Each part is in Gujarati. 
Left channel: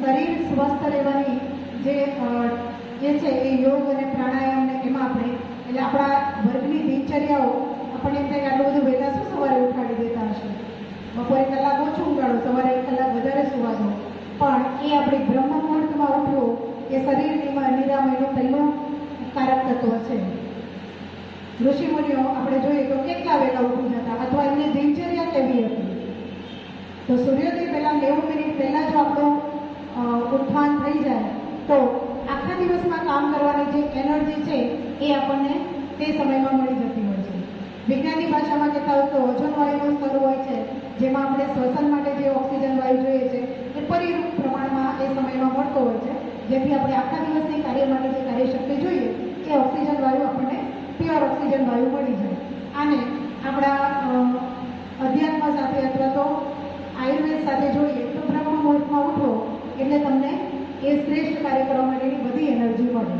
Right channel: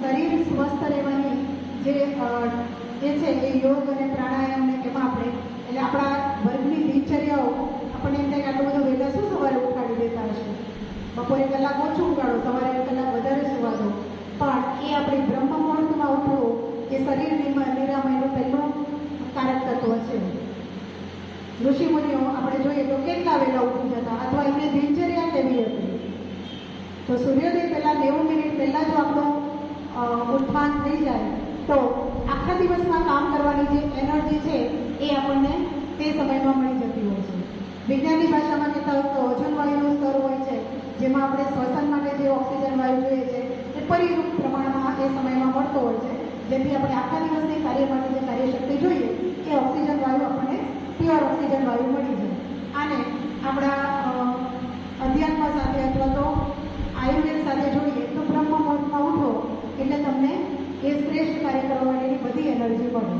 શરીર સ્વસ્થ રહેવાની જે છે એ યોગ અને પ્રાણાયામને એમાં આપણે એટલે આપણા વર્ગની દિનચર્યાઓ આપણને એમ થાય કે આટલું બધું વહેલા શું સવારે ઉઠાડી દેતા હશે, બપોરે કલાક ઓછું ઉઠાડો, સવારે કલાક વધારે સુવા દો, પણ એ આપણી બ્રહ્મ મુહૂર્તમાં ઉઠવું એ શરીરની નિરામયનું પહેલું કારક તત્વ છે. ઋષિમુનિઓ આપણે જોઈએ તો કેટલા વહેલા ઉઠી જતા અથવા એમની દિનચર્યા કેવી હતી. તો સૂર્યોદય પહેલાં 90 મિનિટ પહેલાં જો આપણું ઉત્થાન થઈ જાય તો આખા દિવસમાં કામ કરવાની જે એનર્જી છે એ આપણને તે સમયમાં મળી જતી હોય છે. વિજ્ઞાનની ભાષામાં કહેતા હોય તો ઓઝોન વાયુનું સ્તર હોય છે, જેમાં આપણે શ્વસન માટે જે ઓક્સિજન વાયુ જોઈએ છે એ પરિમિત પ્રમાણમાં એ સમયમાં મળતો હોય છે, જેથી આપણે આખા દિવસની કાર્ય માટે જે કાર્યશક્તિ જોઈએ એ ઓક્સિજન વાયુ આપણને પ્યોર ઓક્સિજન વાયુ મળી જાય. આને આપણા અધ્યાત્મ સાથે અથવા તો આયુર્વેદ સાથે જોઈએ તો બ્રહ્મ મુહૂર્તમાં ઉઠો એટલે તમને એ શ્રેષ્ઠ કાર્ય કરવા માટેની બધી એનર્જી મળે.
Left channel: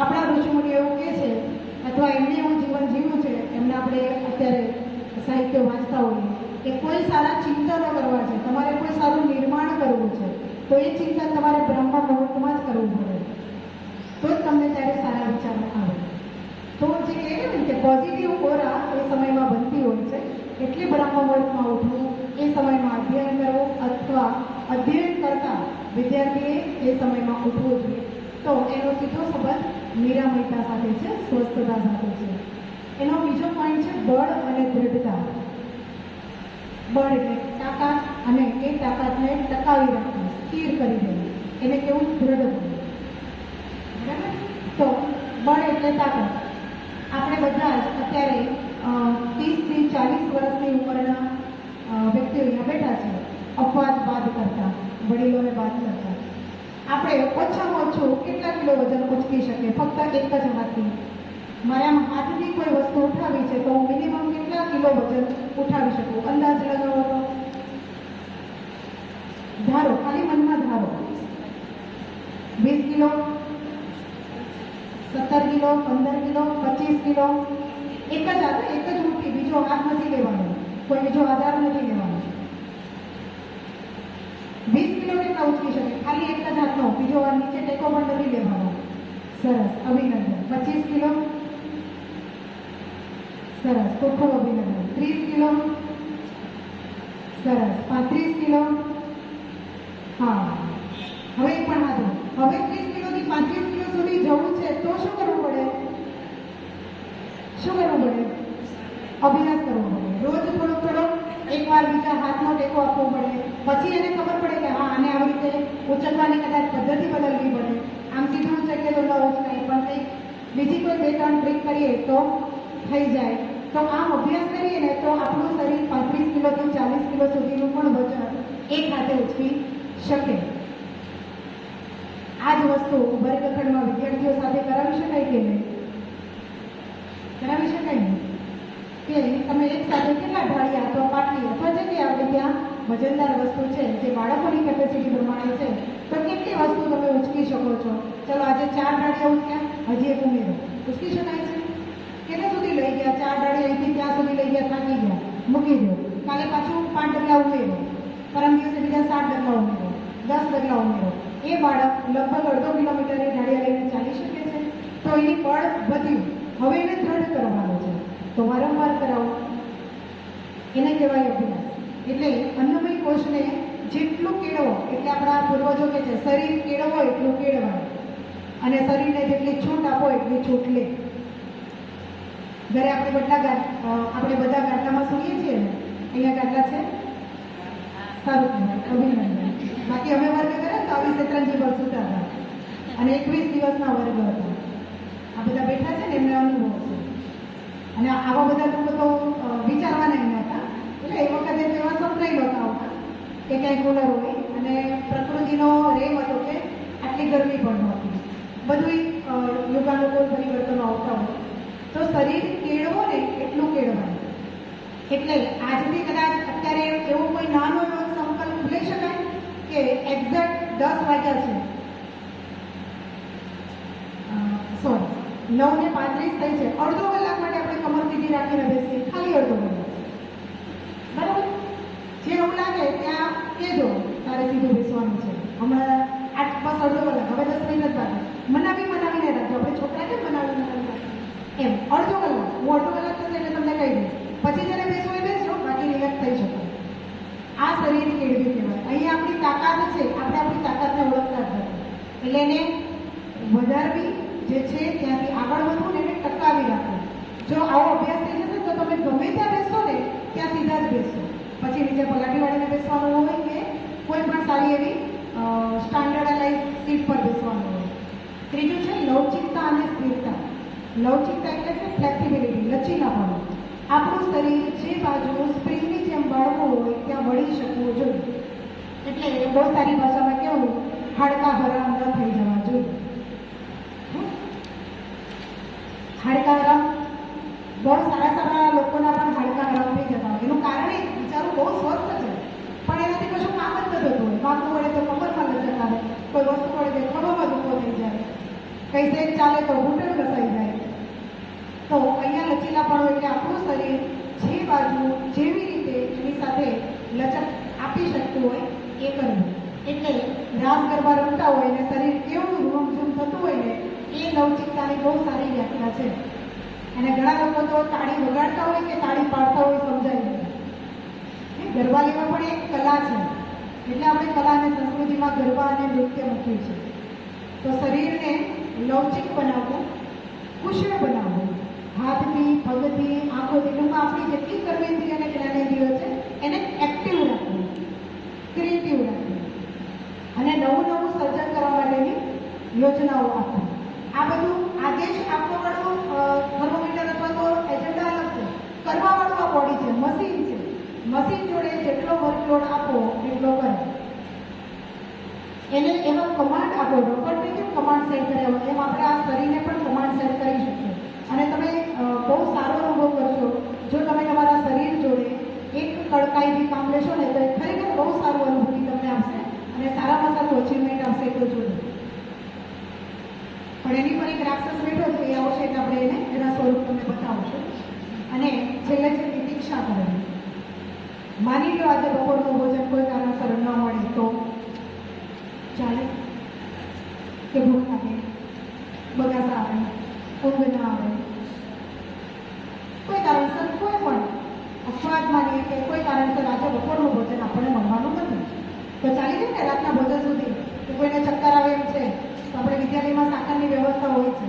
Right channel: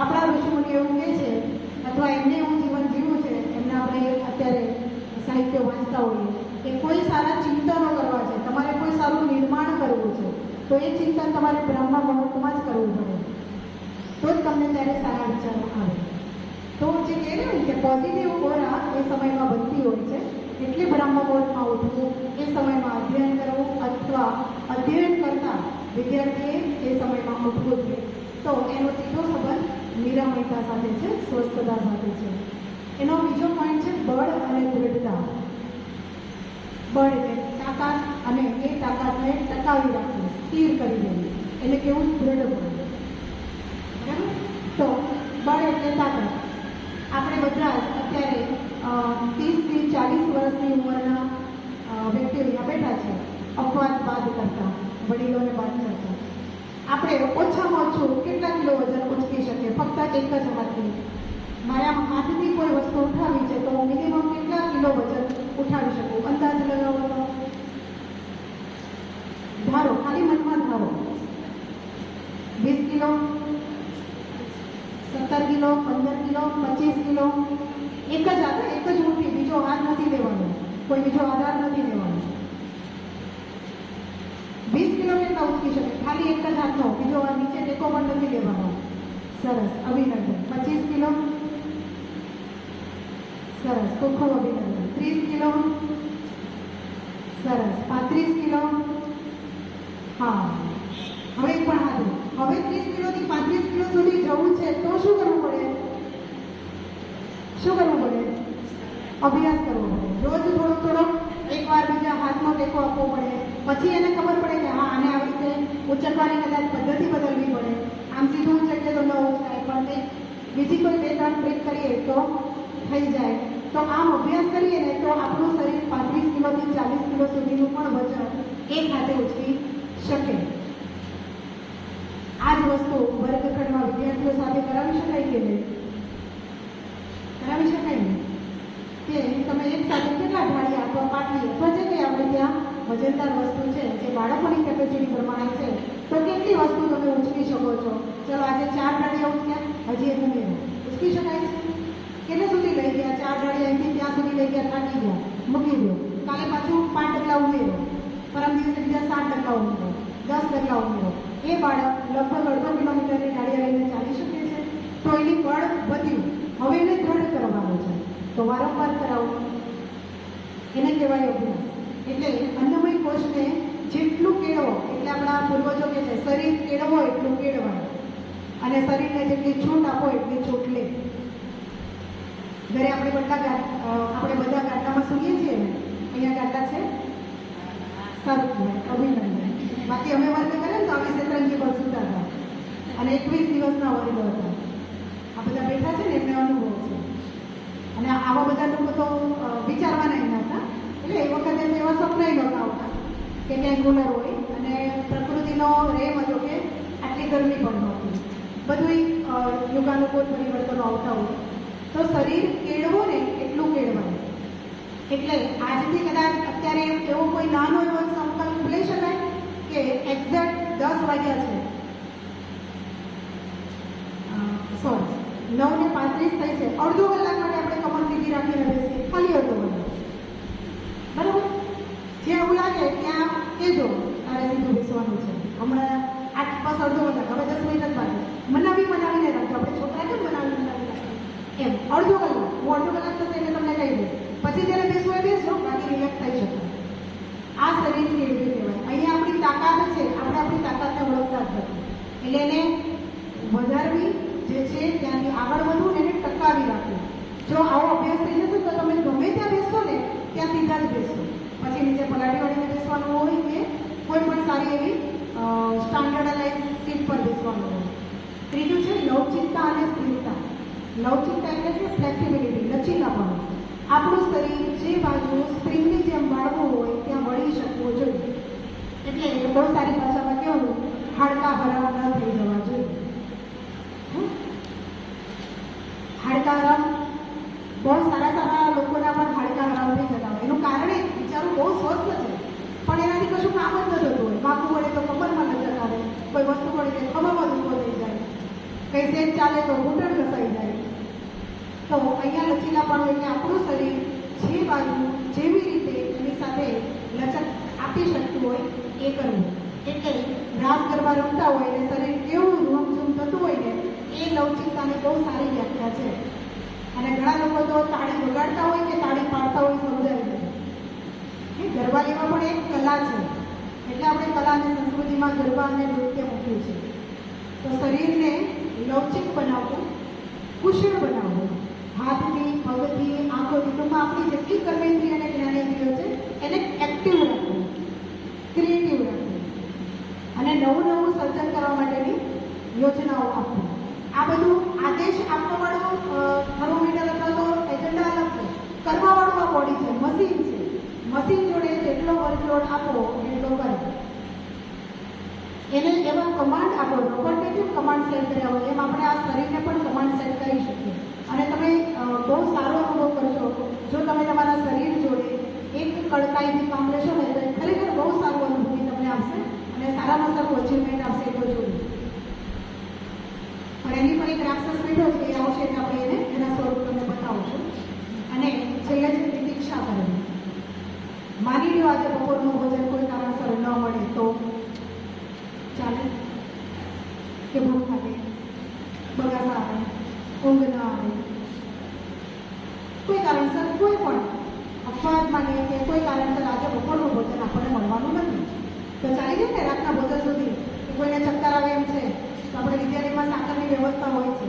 આપણા ઋષિમુનિઓ એવું કહે છે અથવા એમને એવું જીવન જીવ્યું છે, એમને આપણે અત્યારે સાહિત્ય વાંચતા હોઈએ કે કોઈ સારા ચિંતનો કરવા છે, તમારે કોઈ સારું નિર્માણ કરવું છે તો એ ચિંતન તમારે બ્રહ્મ મુહૂર્તમાં જ કરવું પડે, તો જ તમને ત્યારે સારા વિચારો આવે. તો જે કહેવાય ને કે પોઝિટિવ ઓરા એ સમયમાં બનતી હોય છે, એટલે બ્રહ્મ મુહૂર્તમાં ઉઠવું, એ સમયમાં અધ્યયન કરવું અથવા અધ્યયન કરતા વિદ્યાર્થીએ એ સમયમાં ઉઠવું જોઈએ. તો એનો સીધો સંબંધ નિરામયતા સાથે છે, સ્વસ્થતા સાથે છે. એનો બીજો પોઈન્ટ છે બળ અને દૃઢતા. બળ એટલે તાકાત, અને એ તાકાતને ટકાવી રાખવી, સ્થિર કરી દેવી, એટલે કેવું દૃઢ બનવું. બરાબર? તો બળ એટલે તાકાત. આપણે બધા અત્યારે 30થી 40 વર્ષની ઉંમરના વ્યક્તિઓ અહીંયા બેઠા છે, અપવાદ બાદ કરતા, વડીલોને બાદ કરતા. આપણે ઓછામાં ઓછું કેટલા કિલો વજન ઉચકી શકીએ? ફક્ત એક જ વાતથી, મારા હાથની કોઈ વસ્તુ ઉઠાવી છે તો મિનિમમ કેટલા કિલો વજન ઉઠાવી શકું? અંદાજ લગાવો, ધારો, ખાલી મનમાં ધારો. 20 કિલો, 17 કિલો, 15 કિલો, 25 કિલો. એક જ હાથ, એક જ મુઠ્ઠી, બીજો હાથ નથી લેવાનો, કોઈ બીજો આધાર નથી લેવાનો. 20 કિલો કેટલા ઉચકી શકે? ખાલી એક જ હાથનો, બીજો નીચે ટેકો પણ નથી લેવાનો. સરસ, અભિનંદન. 25 કિલો, સરસ, ચોખ્ખું અભિનંદન. 30 કિલો, સરસ. 35 કિલો, હા. હવે પણ હાથું. હવે 30 કિલોથી 35 કિલો સુધી જવું છે તો શું કરવું પડે? શું કરવું પડે? અભ્યાસ કરવો પડે. રોજ થોડો એકવાર બીજા હાથનો ટેકો આપવો પડે. પછી એને ખબર પડે કે હા, આને આવી રીતે ઉચકવાની કદાચ પદ્ધતિ બદલવી પડે. આમ સીધું ઉચકીએ તો ન ઉચકાય, પણ કંઈક બીજી કોઈ 2-3 ટ્રીક કરીએ તો થઈ જાય. તો આમ અભ્યાસ કરીએ ને તો આપણું શરીર 35 કિલોથી 40 કિલો સુધીનું પણ વજન એક સાથે ઉચકી શકે. આ જ વસ્તુ વર્ગખંડમાં વિદ્યાર્થીઓ સાથે કરાવી શકાય કે નહીં? કરાવી શકાય ને? કે તમે એક સાથે કેટલા ઢાળી આપવા પાટલી અથવા જે કંઈ આપણે ત્યાં વજનદાર વસ્તુ છે જે બાળકોની કેપેસિટી પ્રમાણે છે તો કેટલી વસ્તુ તમે ઉચકી શકો છો? ચલો આજે 4 ઢાળિયા ઉચક્યા, હજી એક ઉમેરો, ઉચકી શકાય છે? કેટલા સુધી લઈ ગયા? 4 ઢાળિયા અહીંથી ત્યાં સુધી લઈ ગયા, થાકી ગયા, મૂકી દો. કાલે પાછું 5 ડગલા ઉમેરો, પરમ દિવસે બીજા 7 ડગલા ઉમેરો, 10 ડગલા ઉમેરો. એ બાળક લગભગ 1.5 કિલોમીટરની ઢાળિયા લઈને ચાલી શકે છે. તો એની બળ વધ્યું, હવે એને દૃઢ કરવાનું છે તો વારંવાર કરાવો, એને કહેવાય અભ્યાસ. એટલે અન્નમય કોષને જેટલું કેળવો, એટલે આપણા પૂર્વજો કહે છે શરીર કેળવો એટલું કેળવાય, અને શરીરને જેટલી છૂટ આપો એટલી છૂટ લે. ઘરે આપણે બધા ગાટલામાં સૂઈએ છીએ ને, અહીંયા ગાટલા છે, સારું કહેવાય, અભિનંદન. બાકી અમે વર્ગ કરે ને તો આવી શેતરંજી પર સૂતા હતા, અને 21 દિવસના વર્ગ હતા. આ બધા બેઠા છે ને એમને અનુભવ છે. અને આવા બધા લોકો તો વિચારવાના નહોતા, એટલે એક વખત એવા સપનાય નહોતા હોતા કે ક્યાંય કુલર હોય, અને પ્રકૃતિનો રેમ હતો કે આટલી ગરમી પણ નહોતી. બધું યુગાનુકૂળ પરિવર્તનો આવતા હોય તો શરીર કેળવો ને એટલું કેળવાય. એટલે આજથી કદાચ અત્યારે એવો કોઈ નાનો એવો સંકલ્પ લઈ શકાય કે એક્ઝેક્ટ 10 વાગ્યા છે, 9:35 થઈ છે, અડધો કલાક માટે આપણે કમર સીધી રાખીને બેસીએ, ખાલી અડધો કલાક. બરાબર? જે એવું લાગે ત્યાં કહેજો તારે સીધું બેસવાનું છે, જે છે ત્યાંથી આગળ વધવું ને એને ટકાવી રાખવું. જો આવો અભ્યાસ થઈ જશે તો તમે ગમે ત્યાં બેસશો ને ત્યાં સીધા જ બેસશો. પછી નીચે પલાટી વાળીને બેસવાનું હોય કે કોઈ પણ સારી એવી સ્ટાન્ડર્ડાઇઝ સીટ પર બેસવાનું હોય. ત્રીજું છે લવચિકતા અને સ્થિરતા. લવચિકતા એટલે કે ફ્લેક્સિબિલિટી, લચીલાપણું. આપણું શરીર જે બાજુ સ્પ્રિંગની જેમ વળવું હોય ત્યાં વળી શકવું જોઈએ. એટલે બહુ સારી ભાષામાં કેવું, હાડકા હરામ ન થઈ જવા જોઈએ. હાડકા હરામ બહુ સારા સારા લોકોના પણ હાડકા હરામ થઈ જતા હોય. એનું કારણ એ બિચારું બહુ સ્વસ્થ છે પણ એનાથી કશું કામ જ ન થતું હોય. માથું વળે તો કમરમાં લટકતા હોય, કોઈ વસ્તુ વળે તો ખભામાં દુખો થઈ જાય, કઈ સેજ ચાલે તો ઘૂંટણ ઘસાઈ જાય. તો અહીંયા લચીલાપણું એટલે આપણું શરીર જે બાજુ જેવી રીતે એની સાથે લચક આપી શકતું હોય એ કરવું. એટલે રાસ ગરબા રમતા હોય અને શરીર કેવું રૂમઝૂમ થતું હોય ને એ લવચિકતાની બહુ સારી વ્યાખ્યા છે. અને ઘણા લોકો તો તાળી વગાડતા હોય કે તાળી પાડતા હોય સમજાય નહીં. એ ગરબા લેવા પણ એક કલા છે. એટલે આપણે કલા અને સંસ્કૃતિમાં ગરબા અને નૃત્ય મૂક્યું છે. તો શરીરને લવચિક બનાવવું, કુશળ બનાવવું, હાથની, પગથી, આંખોથી, ટૂંકમાં આપણી જેટલી કર્મેન્દ્રિય અને જ્ઞાનેન્દ્રિયો છે એને એક્ટિવ રાખવું, ક્રિએટિવ રાખવું અને નવું નવું સર્જન કરવા માટેની યોજનાઓ આપવી. આ બધું આદેશ આપવાવાળું થર્મોમીટર અથવા તો એજન્ડા અલગ છે. કરવાવાળું આ બોડી છે, મશીન છે. મશીન જોડે જેટલો વર્કલોડ આપો એટલો કરે. એને એવા કમાન્ડ આપો, રોબોટિક કમાન્ડ સેટ કર્યા હોય એમ આપણે આ શરીરને પણ કમાન્ડ સેટ કરી શકીએ. અને તમે બહુ સારો અનુભવ કરશો જો તમે તમારા શરીર જોડે એક કડકાઈથી કામ લેશો ને તો ખરેખર બહુ સારો અનુભૂતિ તમને આવશે અને સારામાં સારું અચીવમેન્ટ આવશે તો જોડે. પણ એની પણ એક રાક્ષસ બેઠો છે એ આવશે એટલે આપણે એને એના સ્વરૂપ તમને બતાવશું. અને છેલ્લે છે પ્રતીક્ષા કરવી. માની લો આજે બપોરનું ભોજન કોઈ કારણસર ન મળે તો ચાલે કે ભૂખ લાગે, બગાસ આવે, ઊંઘ ના આવે, કોઈ કારણસર કોઈ પણ અપવાદ માટે કે કોઈ કારણસર આજે બપોરનું ભોજન આપણને મળવાનું નથી તો ચાલી જાય ને રાતના ભોજન સુધી. કે કોઈને ચક્કર આવે એમ છે તો આપણે વિદ્યાલયમાં સાકરની વ્યવસ્થા હોય છે.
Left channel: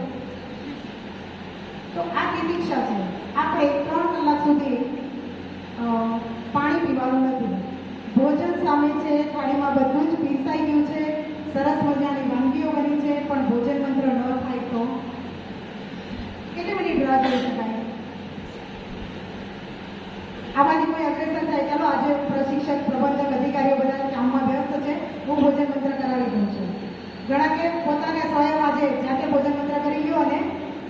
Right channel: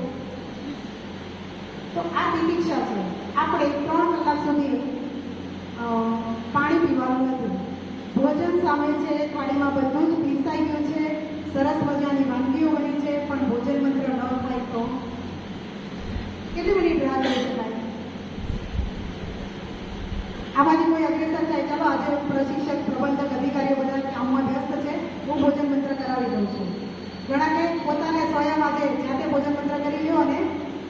તો આ પ્રતીક્ષા છે. આપણે 3 કલાક સુધી પાણી પીવાનું નથી. ભોજન સામે છે, થાળીમાં બધું જ પીરસાઈ ગયું છે, સરસ મજાની વાનગીઓ બની છે પણ ભોજન મંત્ર ન થાય તો કેટલી મિનિટ રાહ જોઈ શકાય? આમાંથી કોઈ અગ્રેસર થાય, ચાલો આજે પ્રશિક્ષક, પ્રબંધક, અધિકારીઓ બધા કામમાં વ્યસ્ત છે, હું ભોજન મંત્ર કરાવી દઉં છું. ઘણા કે પોતાને સ્વયં આજે જાતે ભોજન મંત્ર કરી લ્યો અને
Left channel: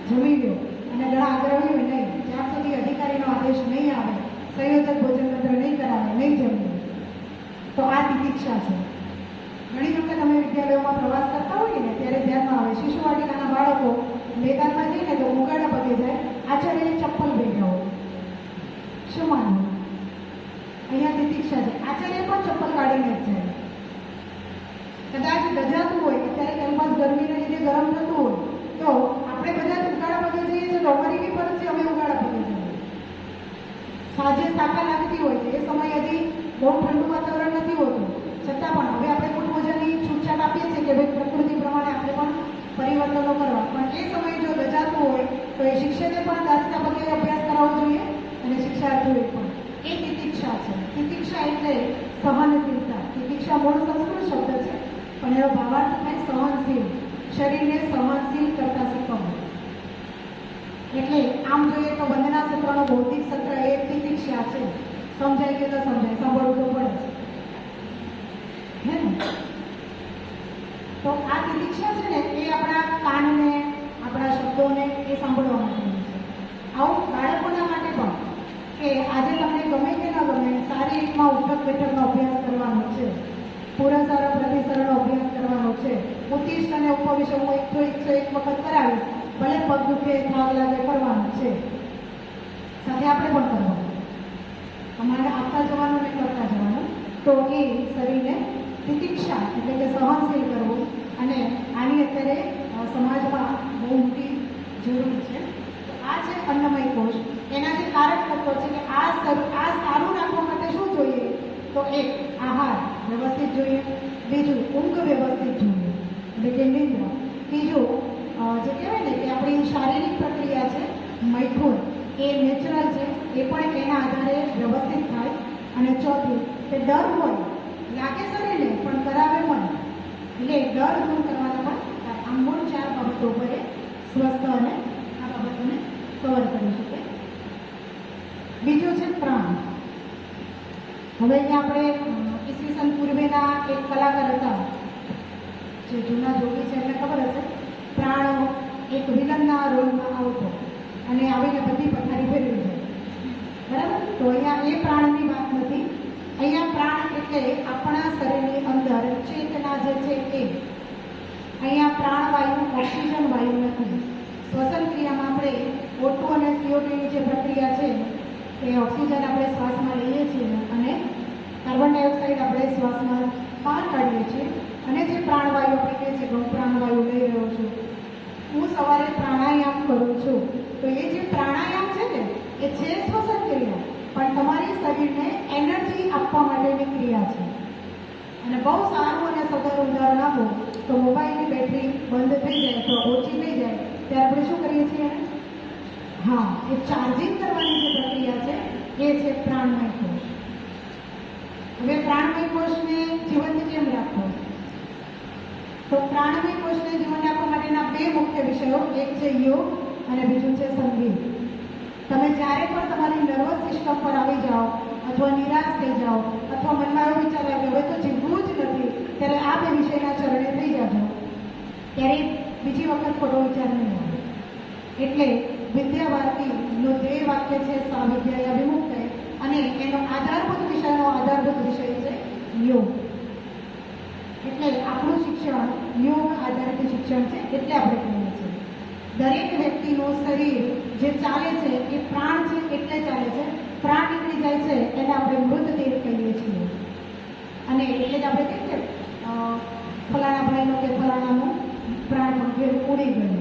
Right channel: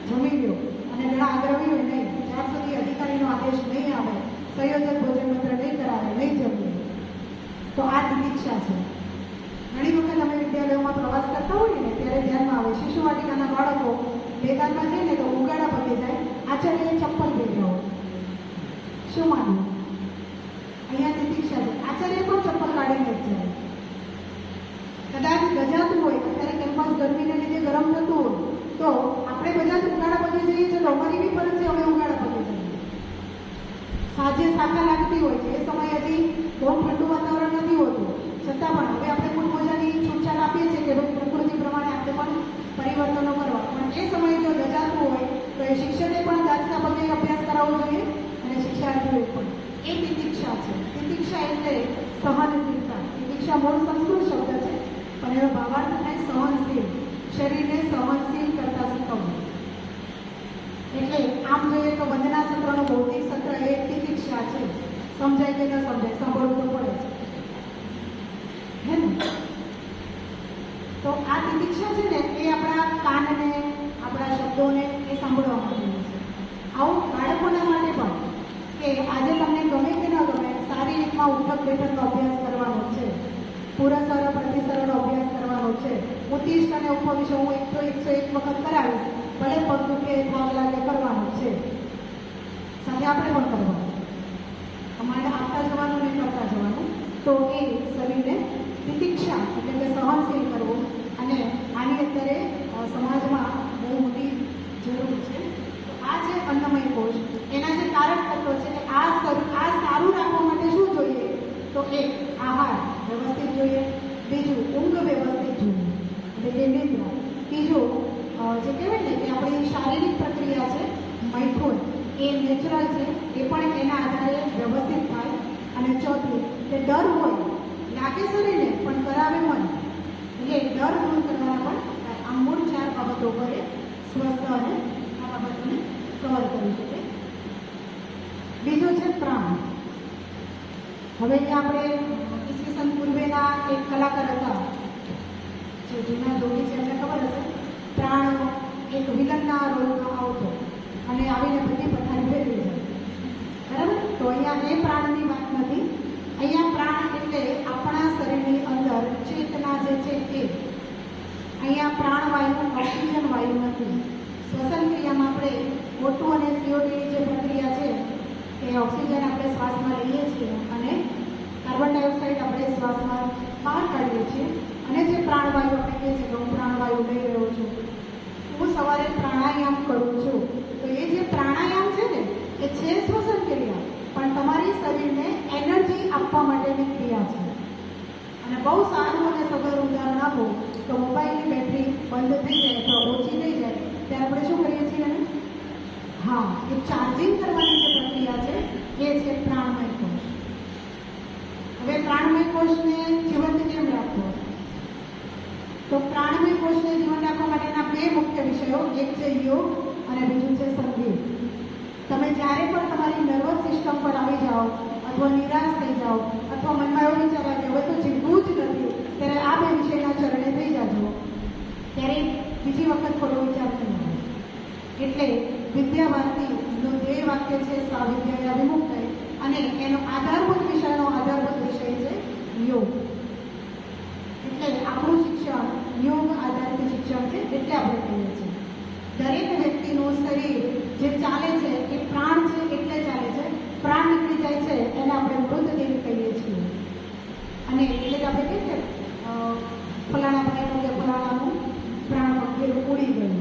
જમી લ્યો. અને ઘણા આગ્રહીઓ નહીં, જ્યાં સુધી અધિકારીનો આદેશ નહીં આવે, સંયોજક ભોજન મંત્ર નહીં કરાવે, નહીં જમે. તો આ પ્રતીક્ષા છે. ઘણી વખત અમે વિદ્યાલયોમાં પ્રવાસ કરતા હોઈએ ને ત્યારે ધ્યાનમાં આવે શિશુવાટિકાના બાળકો મેદાનમાં જઈને તો ઉગાડા પગે જાય, આચાર્ય ચપ્પલ ભેગ્યા હોય. શું માનવું? અહીંયા પ્રતીક્ષા છે. આચાર્ય પણ ચપ્પલ કાઢીને જ જાય. કદાચ ગજાતું હોય અત્યારે કેમ્પસ ગરમીને લીધે ગરમ થતું હોય તો આપણે બધા જ ઉગાડા પગે જઈએ છીએ. લોકોની બી ફરજ છે, અમે ઉગાડા પગે જઈએ. સાંજે સાકા લાગતી હોય છે, એ સમય હજી બહુ ઠંડુ વાતાવરણ નથી હોતું, છતાં પણ હવે આપણે ખૂબ મજાની છૂટછાટ આપીએ છીએ કે ભાઈ પ્રકૃતિ પ્રમાણે આપણે પણ પરિવર્તનો કરવા. પણ એ સમયે જો રજાતું હોય તો એ શિક્ષકે પણ દાસતા પગે અભ્યાસ કરાવવો જોઈએ અને શિક્ષાર્થીઓએ પણ. એ પ્રતીક્ષા છે. પ્રતીક્ષા એટલે સહનશીલતા. પ્રતીક્ષા મૂળ સંસ્કૃત શબ્દ છે પણ એનો ભાવાર્થ થાય સહનશીલ, શરીરને સહનશીલ કરતા શીખવવું. એટલે આમ જોઈએ તો વંદના સત્રનો ભૌતિક સત્ર એ પ્રતીક્ષા છે. સમજાય કે ન સમજાય, સાંભળવું તો પડે છે. તો આ પ્રતીક્ષા છે ને એ આપણા કાનને, આપણા શબ્દોને એ સાંભળવા માટેની છે. આવો બાળકોના માટે પણ કે આજે તમને ગમે કે ન ગમે સારી રીતના ઉઠક બેઠકનો અભ્યાસ કરવાનો છે, પુરસ્કાર પ્રતિસરનો અભ્યાસ કરવાનો છે, ઉત્તિષ્ઠ અને ઉપવિષ્ટ હું 101 વખત કરાવીશ, ભલે પગ દુખે, થાક લાગે, કરવાનું છે. સાથે આપણે પણ કરવાનું. તમારે આપતા જવાનું અને કરતા જવાનું. તો એ શરીરને પ્રતીક્ષા એટલે કે સહનશીલ કરવું. અને આની અત્યારે હવે આપણે ઈસવીસન પૂર્વેના એક કલાકાર હતા, જે જૂના જોગી છે એમને ખબર હશે, પ્રાણ એક વિલનના રોલમાં આવતો અને આવીને બધી પથારી ફેરવી છે, બરાબર? તો અહીંયા એ પ્રાણની વાત નથી. અહીંયા પ્રાણ એટલે આપણા શરીરની અંદર ચેતના જે છે એ. અહીંયા પ્રાણવાયુ ઓક્સિજન વાયુ નથી. શ્વસન ક્રિયામાં આપણે O2 અને CO2ની જે પ્રક્રિયા છે એ ઓક્સિજન આપણે શ્વાસમાં લઈએ છીએ અને કાર્બન ડાયોક્સાઇડ આપણે શ્વાસમાં બહાર કાઢીએ છીએ. અને જે પ્રાણવાયુ આપણે કહીએ છીએ હું પ્રાણવાયુ લઈ રહ્યો છું, હું સવારે પ્રાણાયામ કરું છું, તો એ જે પ્રાણાયામ છે ને એ છે શ્વસન ક્રિયા, પણ તમારી શરીરને એનર્જી આપવા માટેની ક્રિયા છે. અને બહુ સારું અને સદર ઉદાહરણ આપો તો મોબાઈલની બેટરી બંધ થઈ જાય તો ઓછી થઈ જાય ત્યારે આપણે શું કરીએ છીએ? હા, એ ચાર્જિંગ કરવાની જે પ્રક્રિયા છે એ છે પ્રાણમય કોષ. હવે પ્રાણમય કોષને જીવંત કેમ રાખવું? તો પ્રાણમય કોષને જીવન રાખવા માટેના બે મુખ્ય વિષયો, એક છે યોગ અને બીજું છે સંગીત. તમે જ્યારે પણ તમારી નર્વસ સિસ્ટમ પર આવી જાઓ અથવા નિરાશ થઈ જાઓ અથવા મનમાં એવો વિચાર આવે હવે તો જીવવું જ નથી, ત્યારે આ બે વિષયના ચરણે થઈ જાજો, ત્યારે બીજી વખત થોડો વિચાર નહીં આવે. એટલે વિદ્યા ભારતીનો ધ્યેય વાક્ય છે સ્વાવિદ્યા અભિમુક્ત, અને એનો આધારભૂત વિષય છે યોગ. એટલે આપણું શિક્ષણ યોગ આધારિત શિક્ષણ છે, એટલે આપણે કહીએ છીએ દરેક વ્યક્તિનું શરીર જે ચાલે છે એ પ્રાણ છે એટલે ચાલે છે. પ્રાણ નીકળી જાય છે એને આપણે મૃતદેહ કહીએ છીએ. અને એટલે જ આપણે કહીએ ફલાણા ભાઈનું કે ફલાણાનું પ્રાણ ઉડી ગયું.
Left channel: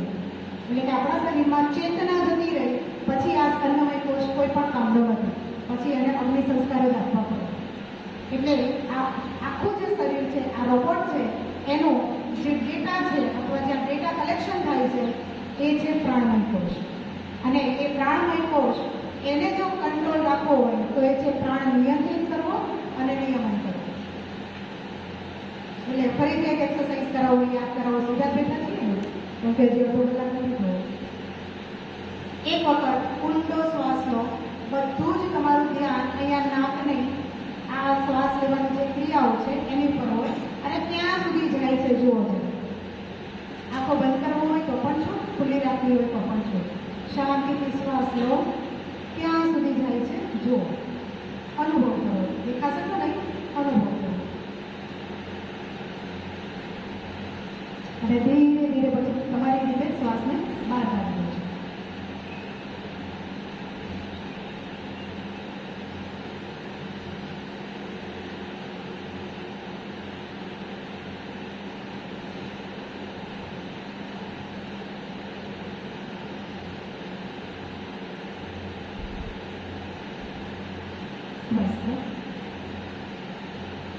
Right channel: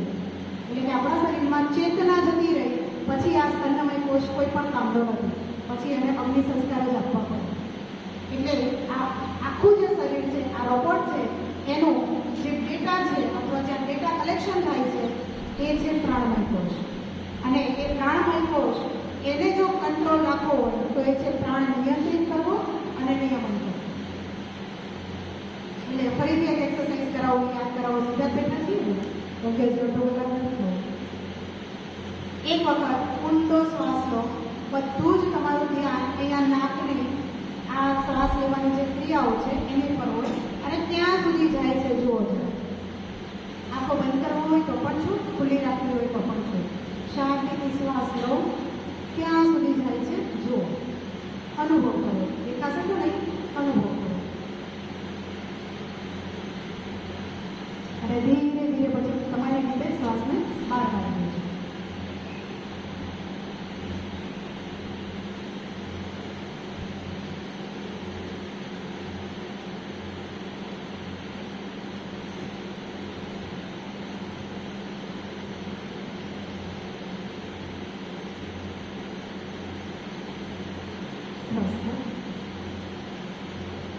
એટલે કે આપણા શરીરમાં ચેતના જતી રહી પછી આ સ્તનમય કોષ કોઈ પણ કામનો નથી, પછી એને અગ્નિ સંસ્કાર જ આપવા પડે. એટલે આ આખું જે શરીર છે, આ રોબોટ છે, એનો જે ડેટા છે અથવા જ્યાં ડેટા કલેક્શન થાય છે એ છે પ્રાણમય કોષ. અને એ પ્રાણમય કોષ એને જો કંટ્રોલ રાખવો હોય તો એ છે પ્રાણ નિયંત્રિત કરવો અને નિયમન કરવો. એટલે ફરીથી એક એક્સરસાઇઝ કરાવવું, યાદ કરાવવું, સમજાતું નથી ને, કેમ કે જે અડધો કલાક નથી. એક વખત ઊંડો શ્વાસ લો, બધું જ તમારું ધ્યાન અહીંયા નાકને આ શ્વાસ લેવાની જે ક્રિયાઓ છે એની પર હોય અને ત્યાં સુધી જાય છે જુઓ. આંખો બંધ કરવો હોય તો પણ છો, ખુલ્લી રાખવી હોય તો પણ છો. શાંતિથી શ્વાસ લો, ત્યાં સુધી જાય છે જુઓ, અનુભવ કરો. દેખાશે તો નહીં, અનુભવ કરો. અને ધીરે ધીરે પછી તમારી રીતે શ્વાસને બહાર કાઢવાનો છે.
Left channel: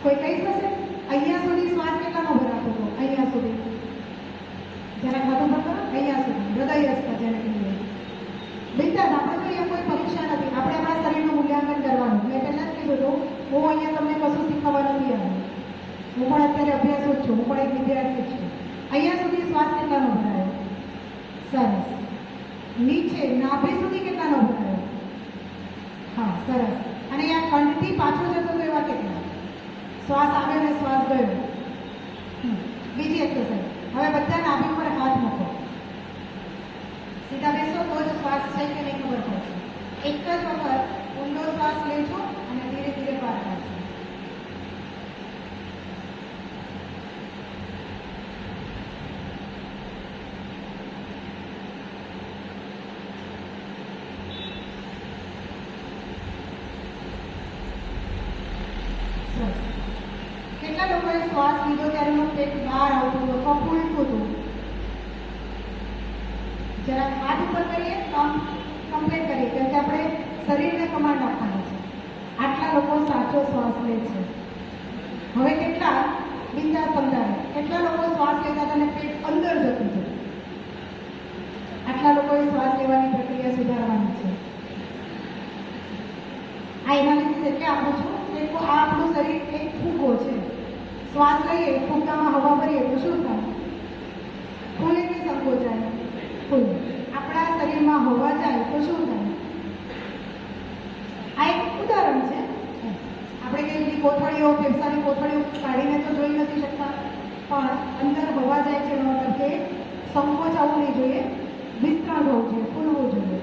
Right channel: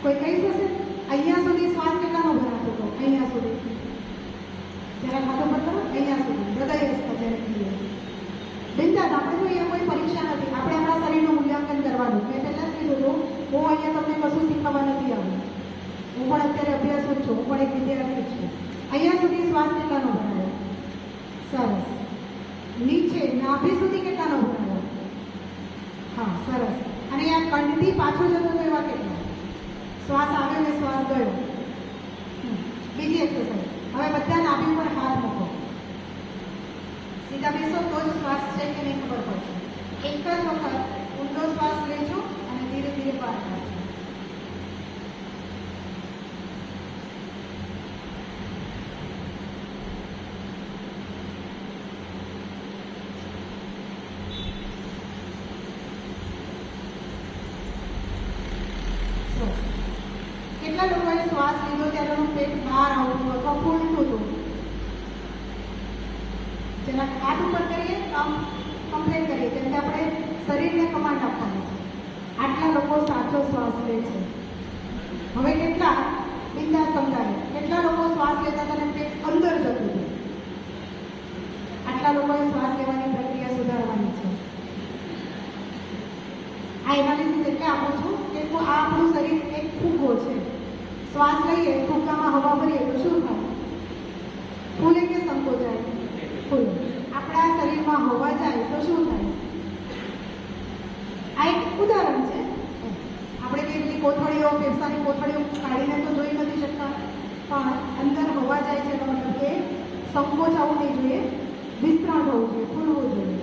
કોઈ કહી શકશે અહીંયા સુધી શ્વાસ કેટલાનો ઉભો રાખવો? અહીંયા સુધી જરા માથું પર કરો, અહીંયા સુધી હૃદય હસ્તા જ્યારે કહીએ બિંદાસ. આપણે તો અહીંયા કોઈ પરીક્ષા નથી, આપણે આપણા શરીરનું મૂલ્યાંકન કરવાનું. મેં પહેલાં જ કીધું હતું હું અહીંયા તમને કશું શીખવવા નથી આવ્યું. હું પણ અત્યારે અભ્યાસ કરું છું, હું પણ એક વિદ્યાર્થી છું. અહીંયા સુધી શ્વાસ કેટલાનો ભરાયો? સરસ. નીચે નાભી સુધી કેટલાનો ભરાયો? હા, સરસ. અને આ કંઠથી પાછો જતો તો એવા કેટલા? શ્વાસ આવ્યો અને શ્વાસ ગયો. બીજી એક્સરસાઇઝ. હવે બધા નાભી પર હાથ મૂકો, સીધા બેસો તો જ શ્વાસ છે કે નહીં ખબર પડશે. એક જ વખત ઊંડો શ્વાસ લેજો અને ધીરે ધીરે બહાર કાઢજો. હોવું જોઈએ, ફૂલવું જોઈએ.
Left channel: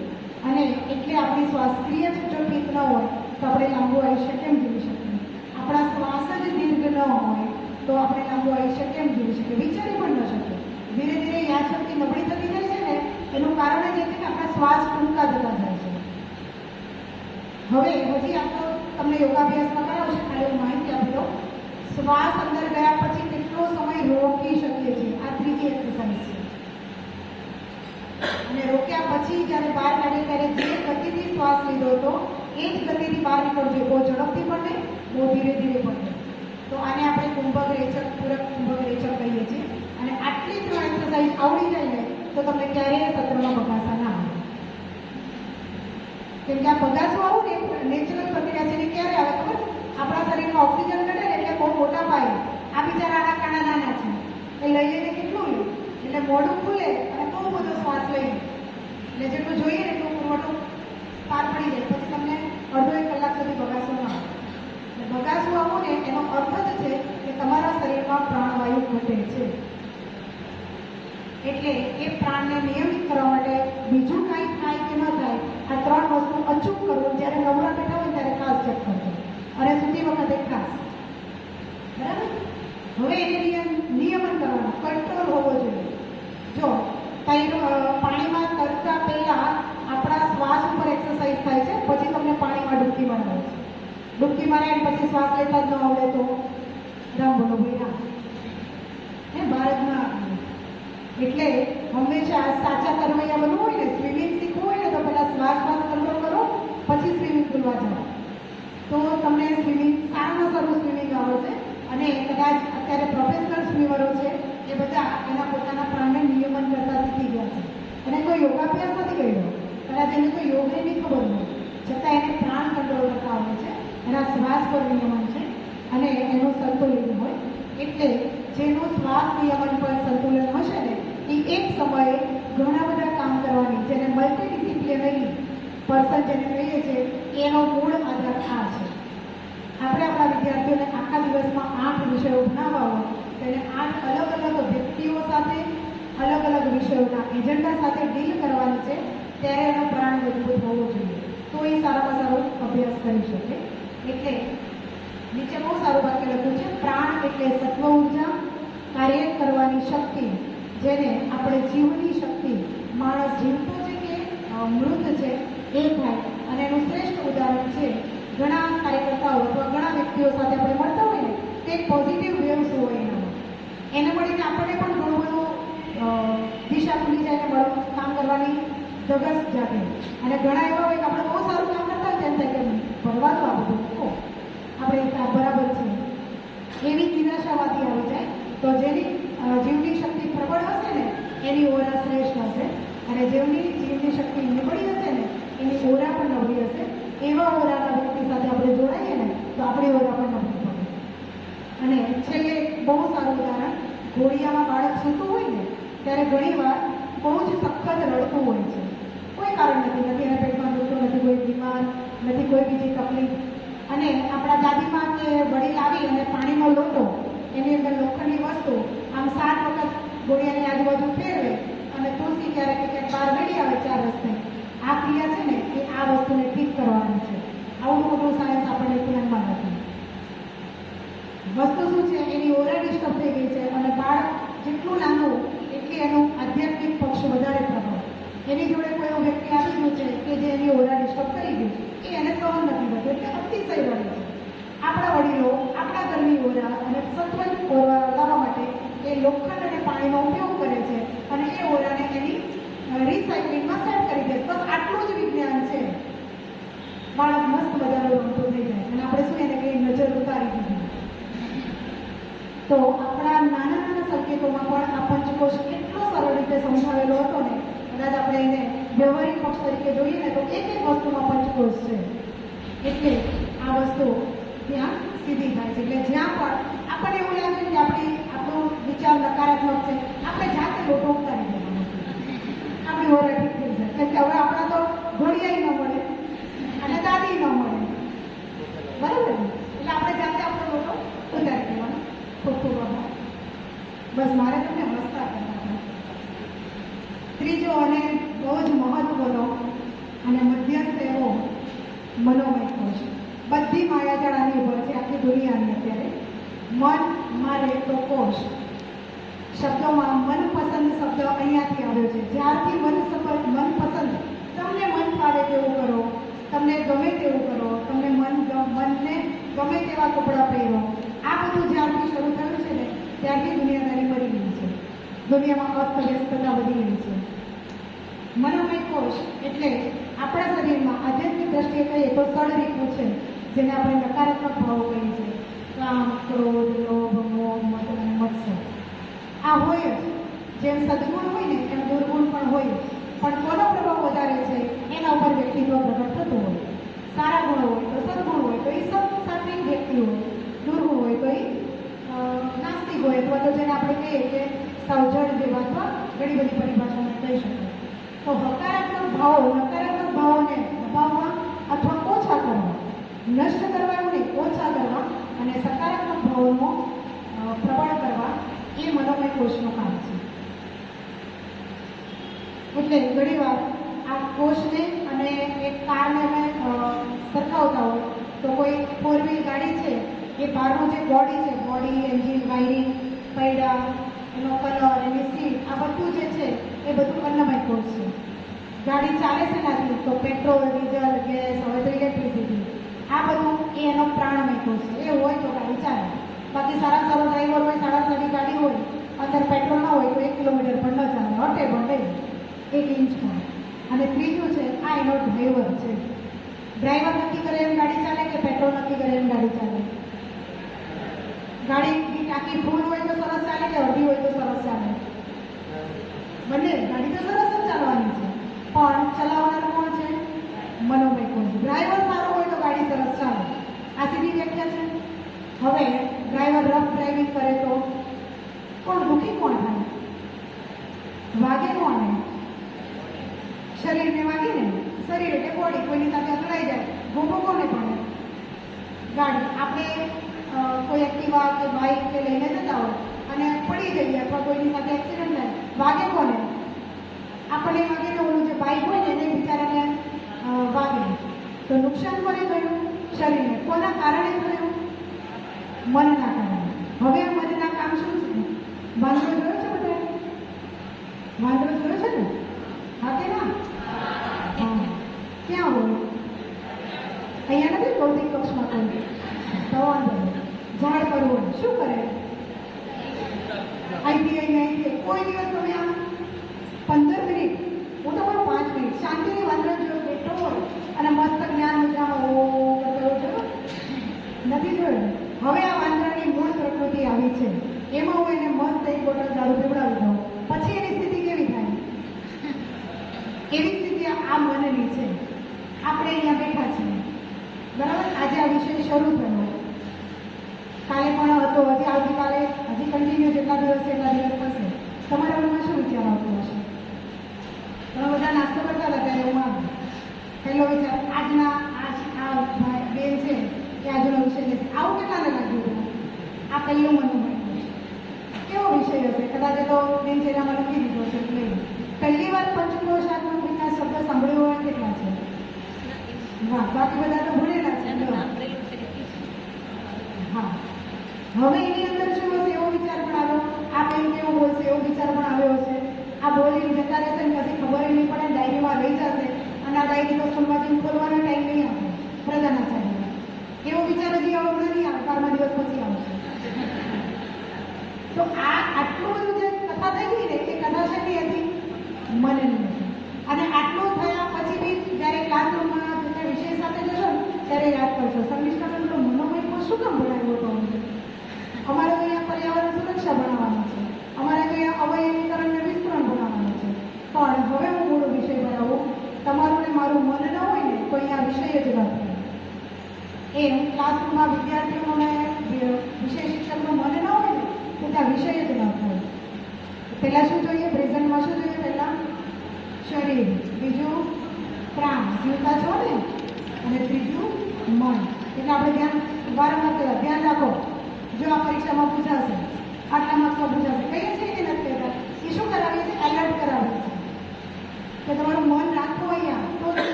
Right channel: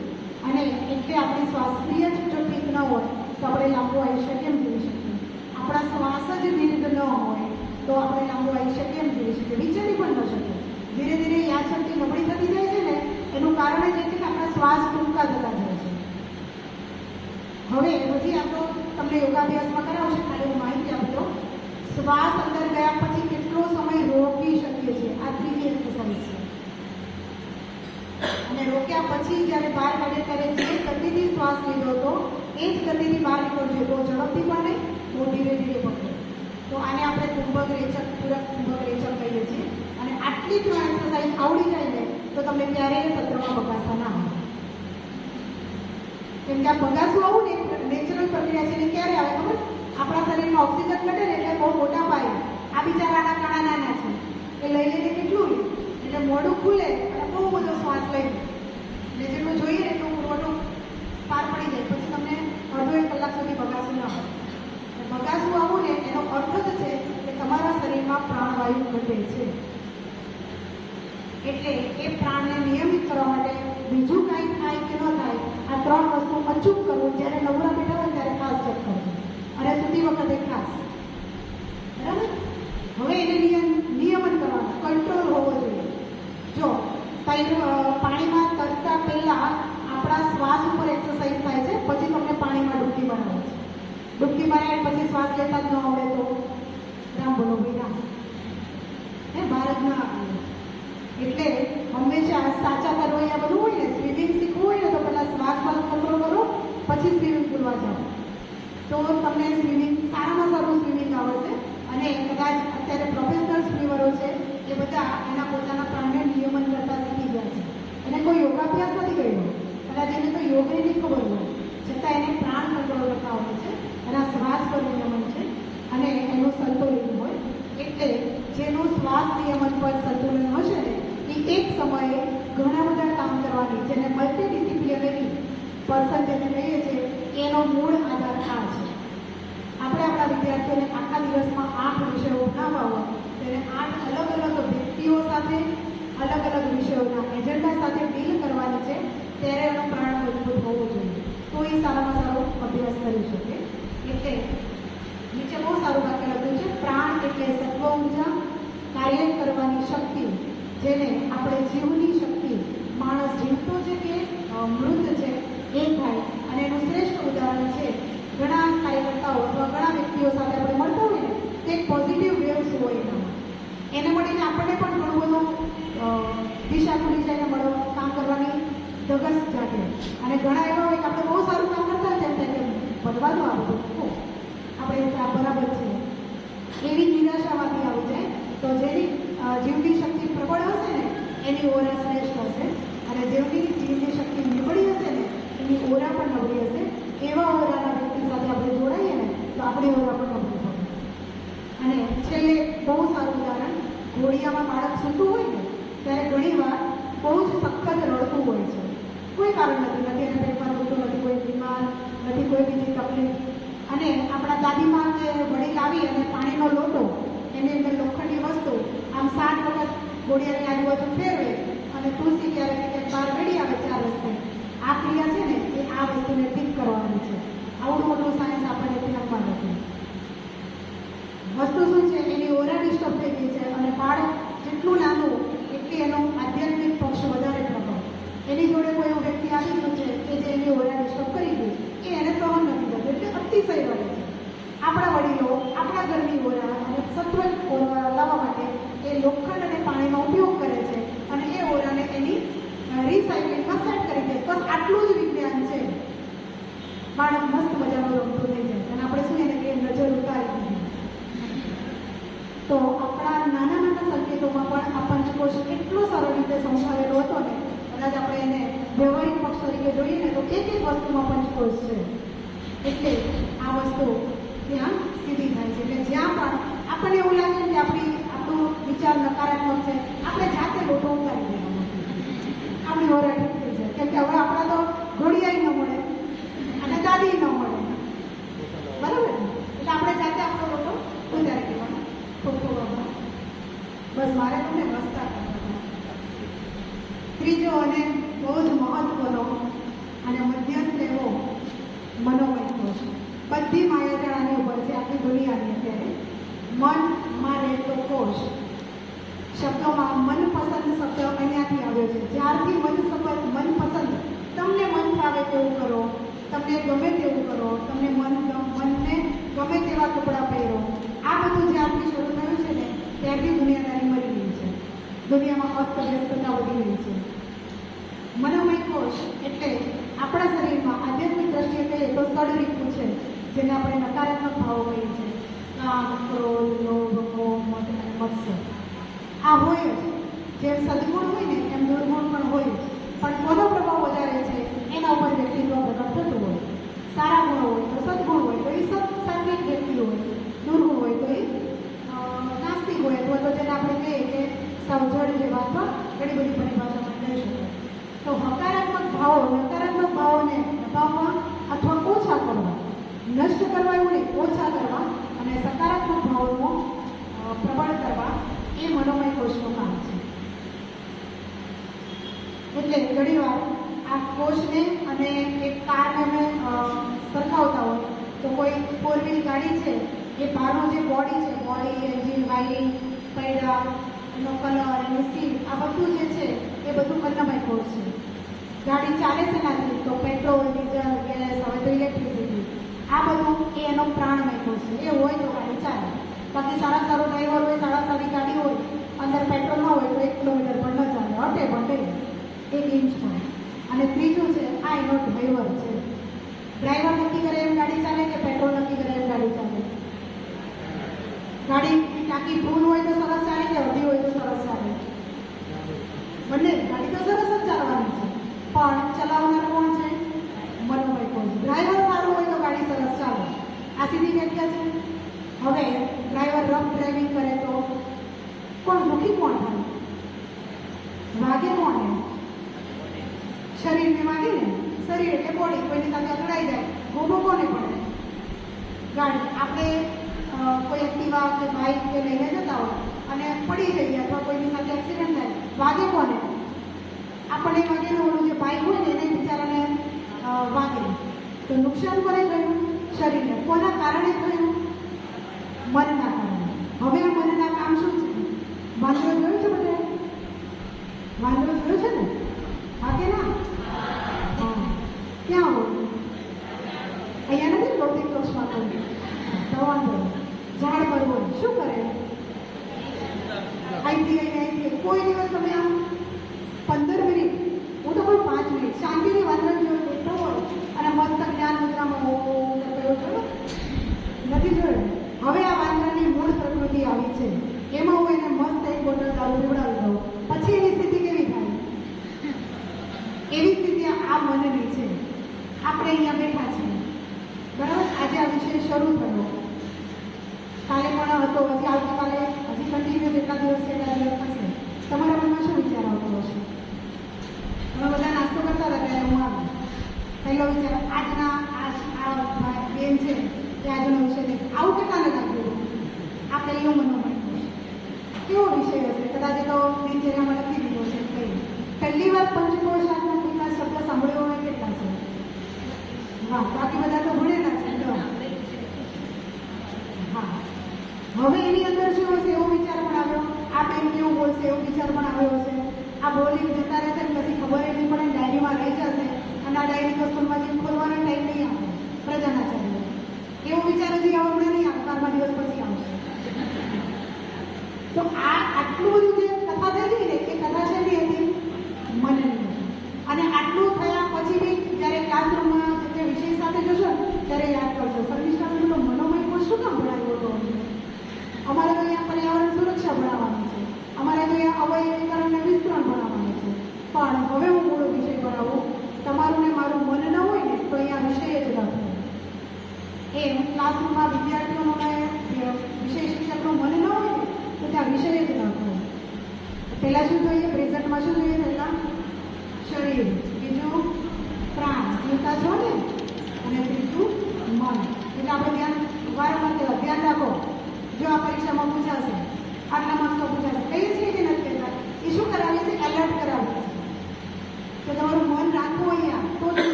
અને એટલે આપણી શ્વાસક્રિય જો ઠીક ન હોય તો આપણે લાંબુ આયુષ્ય કેમ જીવી શકીએ? આપણા શ્વાસ જ દીર્ઘ ન હોય તો આપણે લાંબુ આયુષ્ય કેમ જીવી શકીએ? વિચારી પણ ન શકીએ. ધીરે ધીરે યાદશક્તિ નબળી થતી જાય છે ને, એનું કારણ એ છે કે આપણા શ્વાસ ટૂંકા થતા જાય છે. હવે હજી આપણો તમને યોગાભ્યાસમાં કરાવશે ખાલી માહિતી આપી દો. શ્વાસ અંદર ગયા પછી કેટલો સમય રોકી શકીએ છીએ, આ ત્રીજી એક્સરસાઇઝ છે. અને રોક્યા પછી જ્યારે બહાર કાઢે ત્યારે જે ગતિથી શ્વાસ લીધો હતો એ જ ગતિથી બહાર નીકળજો. બહુ ઝડપથી પણ નહીં, બહુ ધીરે ધીરે પણ નહીં. તો આને આપણે કુંભક રેચક, પૂરક કુંભક રેચક કહીએ છીએ. અને આટલી 3 એક્સરસાઇઝ આવડી જાય ને તો તમે ક્યારેય સત્રમાં ભગાશા ના આવે. કેમ કે આ ભગાસું આવું ને નેચરલ પ્રક્રિયા છે. એને ક્યારે આવે ખબર? આપણા શરીરમાં ઓક્સિજન ઘટે ને એટલે બહુ મોટા પાયે આ બિચારા આના કાણા નાના છે એ લઈ લઈને કેટલું લે એટલે મોઢું ખુલે અને બહુ બધો શ્વાસ લે એટલે જેટલું જોઈએ ને એટલું મોટું પાર પડી જાય. પછી તમને અડધો 1 કલાક સુધી ભગાસું ન આવે. ભગાસું આવું ને એનો અર્થ જ છે કે તમારા શરીરમાં પ્રાણવાયુ ઘટે છે. એટલે એ પ્રાણને નિયમિત કરવા માટે બીજું કાંઈ થાય કે ન થાય, આ 3 વસ્તુ અચૂક કરવું. જ્યારે નવરા બેઠા હોય ત્યારે ખાસ ચેક કરજો અને સૂતી વખતે ખાસ. બરાબર? હવે એને નિયમન કરવાનું, કંટ્રોલ હોવો જોઈએ. જો પાણીમાં તરતા પહેલા આપણા શ્વાસ ઉપર એક્સરસાઇઝ થાય છે, પછી તમને પાણીમાં ડૂબકી બનાવે છે. ડૂબકી માર્યા પછી શ્વાસ લેતા જ ન આવડે તો રામ બોલો ભાઈ એ ભારતના. એટલે હંમેશા સાચા તરવૈયા બનવું હોય ને, સ્વિમિંગ શીખવું હોય ને તો પહેલા શ્વાસ કંટ્રોલ કરો, પછી સ્વિમિંગ કરવા જાઓ તો તમને સ્વિમિંગ સારામાં સારું સ્વિમિંગ આવડશે. અને કદાચ અત્યારે પ્રોફેશનલ સ્વિમરો છે એ બધા એના પોતાના પ્રાણને નિયમન કરતા શીખી ગયા છે. અને કોઈ યોગાભ્યાસ નથી કર્યો, કદાચ એને તો યોગની નહીં ખબર હોય છતાં એને પ્રાણ કંટ્રોલ કરતા આવે છે. એના શ્વાસ પર નિયમન છે અને એનું સંતુલન હોય. એટલે જેનું શ્વાસ નિયમન પર સંતુલન હશે ને એ એક સમયે ઘણા બધા કામ કરવાની, જેને મલ્ટીડિસિપ્લિનરી પર્સન જેને કહીએ છીએ, એનો મૂળ આધાર આ છે. આપણે આપણા વિદ્યાર્થીઓને આખા દિવસમાં 8 વિષયો ભણાવવા હોય તેને 8 અલગ અલગ વ્યક્તિઓ સાથે અલગ અલગ વિષયોના એજન્ડા સાથે ડીલ કરવાની છે. ત્યારે એનું પ્રાણ મજબૂત હોવું જોઈએ તો એ સારામાં સારો અભ્યાસ કરી શકે. એટલે નીચે બહુ સારું વાક્ય લખ્યું છે, પ્રાણ એટલે સત્વ ઉર્જા, કાર્ય કરવાની શક્તિ, જેને આપણે જીવની શક્તિ. માણસ જીવતો છે કે મૃત છે એ થાય. અને એનું શ્રેષ્ઠ ઉદાહરણ છે ઘણા કાર્યકર્તાઓ અથવા ઘણા વ્યક્તિઓ સાથે આપણે મળતા હોય ને તે પોઝિટિવ વેવ્સ હોય એના, એને મળીને આપણને પણ ઘણું બધું દિશા ખુલી જાય, કામ કરવાની ધગસ જાગે. અને ઘણા એવા હોય કે આપણે બહુ સારું કામ કરતા હોય તેમ થાય કે ભરવાનું આ બધું આપણે બરાબર છે એવી નિરાશાવાદી આવી જાય. તો જેની જીવની શક્તિ પ્રબળ હશે ને એની ઓરા શ્રેષ્ઠ હશે, અને જેમની જીવની શક્તિ નબળી હશે ને એની ઓરા પણ નબળી હશે. એવા ઓરાના વ્યક્તિ સાથે આપણે જોડાઈએ ને તો આપણી ઓરા પણ નબળી થશે. અને છેલ્લે બહુ સારું ઉદાહરણ, ઘોડિયામાં બાળક સૂતું હોય ને ત્યારે ઘણી વાર બહુ જ સખત રડતું હોય છે. કોઈ કારણ નથી એને પેટમાં દુખતું નથી, કોઈ બીમાર નથી, કોઈ બીજી તકલીફ. અને આપણા દાદીમાં કે વડીલ આવી અને પાણીનો લોટો એની અંદર લોખંડની વસ્તુ આમ 7 વખત ઘોડિયાની આજુબાજુ ફેરવે અને તુલસી ક્યારેક ક્યાંક બહાર ગળી આવે 4 રસ્તે. આ ક્રિયા છે ને એ આ વસ્તુને ઠીક કરવાની છે. આવું બધું સાયન્સ આપણે ધ્યાનમાં નથી. વસ્તુ શું છે, એની ઓરા ડિસ્ટર્બ થઈ ગઈ છે અને બાળક જેટલું નાનું એટલી એનું આધ્યાત્મિક પક્ષ વધારે પ્રભાવ. એની જોડે કોઈ એવું વ્યક્તિ આવેલું છે કે જે એની ઓરા ડિસ્ટર્બ કરી ગઈ છે, એ એને સહન નથી થતું એટલે અતિશય રડે છે. આપણા વડીલો આપણા ઘરની ઓરા અને સત્વર ઓરા લાવવા માટે એ લોખંડ અને પાણીનો ઉપયોગ કરે છે અને એ ઓરાને એની રિસાયકલિંગમાં સેટ કરી દે. બસ આટલું જ વિજ્ઞાન છે. બાળક મસ્ત મજાનો રમતો થઈ જાય અને આપણે શું એને કંઈ નજર ઉતારી દીધી. તો આપણા નાના નાના સંકેતોમાં પણ આ પંચકોશ એટલો સરળ રીતે સમજાવેલો હતો ને, કદાચ આપણે એને વ્યવહારિક પક્ષ તરીકે જોઈએ ને તો એક વસ્તુમાં પંચકોશ છે. એટલે આ વસ્તુ ત્યાં સીધી થાય છે. એટલે જ્યાં પણ આપણને એવું લાગે કે આપણો વિચાર નકારાત્મક છે, આપણે જાતે ગોઠવ ઉતારી દઈએ, આપણી ઓરા ઠીક થઈ જાય. કેમ કે હવે આપણા તો ઘોડિયાઈ ન મળે અને દાદી ન મળે, બરાબર ને? એટલે આપણે જાતે આપણો ગોઠવ ઉતારી દેવાનો. બસ મારે તમને મસ્તા કરતા. ત્રીજો અને બહુ જ અને મધ્યસ્થ એવો મનોમય કોષ. બધી માયાજાળાની ઉપર છે આખી દુનિયાની અત્યારે. મનમાં રહેતો કોષ. શબ્દોમાં મનપસંદ શબ્દ અહીંયાથી આવ્યો છે. જ્યારથી મનપસંદ તમને મન ફાવે તેવું કરો, તમને ગમે તેવું કરો, તમને મનને ગમે તેવા કપડાં પહેરો, આ બધું જ્યારથી શરૂ થયું છે ને ત્યારથી દુનિયાદારી મરી ગઈ છે. દુનિયામાં અસ્તવ્યસ્તતા વધી ગઈ છે. મનોમય કોષ એટલે આપણા શરીરમાં આધ્યાત્મિક દ્રષ્ટિએ કહીએ તો સળરીતું છે, જેને આપણે નકારાત્મક ભાવો કહીએ છીએ. કામ, ક્રોધ, લોભ, મોહ, મદ, મત્સર આ હોય જ. જેમ સદગુણ હોય ને એમ દુર્ગુણ પણ હોય જ. પણ કોનો પ્રભાવ વધારે છે એના ઉપર વ્યક્તિત્વ પ્રગટ થતું હોય. સારા ગુણ હોય તો સદગુણ હોય તો એ સાત્વિક વ્યક્તિ હોય, દુર્ગુણ હોય તો એ નાસ્તિક હોય, અથવા તો જેને આપણે કહીએ કે સાવજણ જે વાતમાં ઘણી બધી પરિભાષામાં કહી શકાય. તો હકારાત્મક ભાવો નકારાત્મક ભાવોને હટાવવા અથવા ઓછા કરવા, નષ્ટ કરવાનું નહીં, ઓછા કરવા અને સકારાત્મક ભાવોનો પ્રબળ કરવા એ મનોમય કોષનું કામ છે. એટલે ઘણીવાર આ કોષને અને એક કારને સરખાવતા હોય તો કોઈ 4-wheel ગાડી છે એ બહારનું જે બોડી છે, બોડી, એન્જિન, વાયરિંગ, પૈડા, એનો કલર, એની સીટ, આ બધું જે છે એ બધું અન્નમય કોષ છે. ગાડી ચાલે છે નથી તો પેટ્રોલ, ડીઝલ, ગેસ, હવે તો ઇલેક્ટ્રિસિટી, આ બધું એ એનો પ્રાણમય કોષ છે. એ હોય તો ગાડી ચાલે. બાકી સારા સારો ડ્રાઈવર હોય, સારા સારી ગાડી હોય, અંદર પેટ્રોલ ન હોય તો 1 કિલોમીટર પણ ન ચાલે, હટે 1 ઇંચ પણ. અને ત્રીજું છે આ એનો ડ્રાઈવર છે. ડ્રાઈવર નક્કી કરે એમ ગાડી ચાલે કે પેટ્રોલ નક્કી કરે એમ ગાડી ચાલે? ગાડી ટાંકી ફૂલ હોય તો સરસ ચાલે કે અડધી હોય તો સરસ ચાલે? બંને. ગાડી તો સરસ જ ચાલવાની છે, પણ ચલાવનાર કોણ છે? મનોમય કોષ. ડ્રાઈવર સારો હોય તો ગાડી સરસ ચાલે. આ સીધી વ્યાખ્યા છે. હવે ડ્રાઈવર રફ ડ્રાઇવિંગ કરે તો કોણ દુઃખી કોણ થાય? વાગે કોને? શરીરને વાગે ને. શરીર એટલે બોડી, કોઈની સાથે અથડાઈ જાય, ભોગો કોને પડે? ગાડી. આપણે કોઈ એક્ટિવા કે બાઇક કે લઈને જતા હોય અને પડી જઈએ અથવા કોઈની સાથે એક્સિડન્ટ થાય, વાગે કોને? આપણે વાગે ને ઓલું જે બાઇક હોય ને એને બિચારાને વાગે તો નુકસાન કોને થયું? શરીરને. કોના કારણે થયું? મનના કારણે. હવે આ મનના કામ શું છે? વાંદરો જોયો છે બધા? વાંદરો જોયો છે ને? હા કે ના? ક્યાં હોય? અહીંયા નથી ભૌતિક કોષમાં કોઈ વાંદરો ઝાડ પર હોય. શું કરે? અહીંથી કોઈ દિવસ તમે આમ 15 મિનિટ, હું તો 5 મિનિટ શાંતિની વાંદરો જોયો કેટલો હોય અને મસ્ત જ્ઞાન નથી જોયું. હવે આ વાંદરાની મૂળ પ્રકૃતિ આવી છે. એમાં હું એને મસ્ત એક બોટલ દારૂ પીવડાવી દઉં, પછી એની સ્થિતિ કેવી થાય? એવી સ્થિતિ આ મનની છે. આપણે અહીંયા બેઠા છીએ, બરાબર? આજે આ વિષય શરૂ થયો, કાલે પણ હતો, હજી આવતીકાલે, હજી કન્ટિન્યુ જેટલા દિવસ છે એટલા દિવસ થશે. તમારા મનમાં શું વિચાર આવતો હશે? તમે બધા નાસ્તો કરતા હતા ત્યારે એમાં પહેલો વિચાર આ બેન છે કે આજનો વિષય છે. આવું કેટલાને લાગ્યું? આ પહેલું મનોમય કેવો વિષય હશે? કદાચ તો દિનચર્યામાં લખી દીધો છે. પહેલી વાર પંચકોશાત્મકના શબ્દ સાંભળ્યો હોય કેટલા છે? હા, બાકી બધા તો ભણેલા છે. હા, હવે એની અંદર શું હશે એવો વિચાર પણ આવ્યો. આ કંઈ કેવું બોલશે એવો વિચાર પણ આવ્યો હશે. આ બોલી જતા રહેશે ને પછી ખબર નહીં પડે, ડાયરીમાં રહી જશે અને આ ડાયરી તો સ્કૂલમાં જઈને ખોલવાનો ટાઈમ નહીં આવે પ્રધાનાચાર્ય. એવો વિચાર હજી હમણાં નહીં આવે, 12 દિવસ પછી આવશે. તો આ આટલું બધું જે કથા થઈ ગઈ ને એ કથા છે ને એની મનની. અને આટલું થયા પછી બી જ્યારે ક્લાસરૂમમાં જે વિષય સાથે જશો ને ત્યારે યાદ કરશો, સમીક્ષા મનોમય શું કામ ભણાવ્યો હતો? અમારે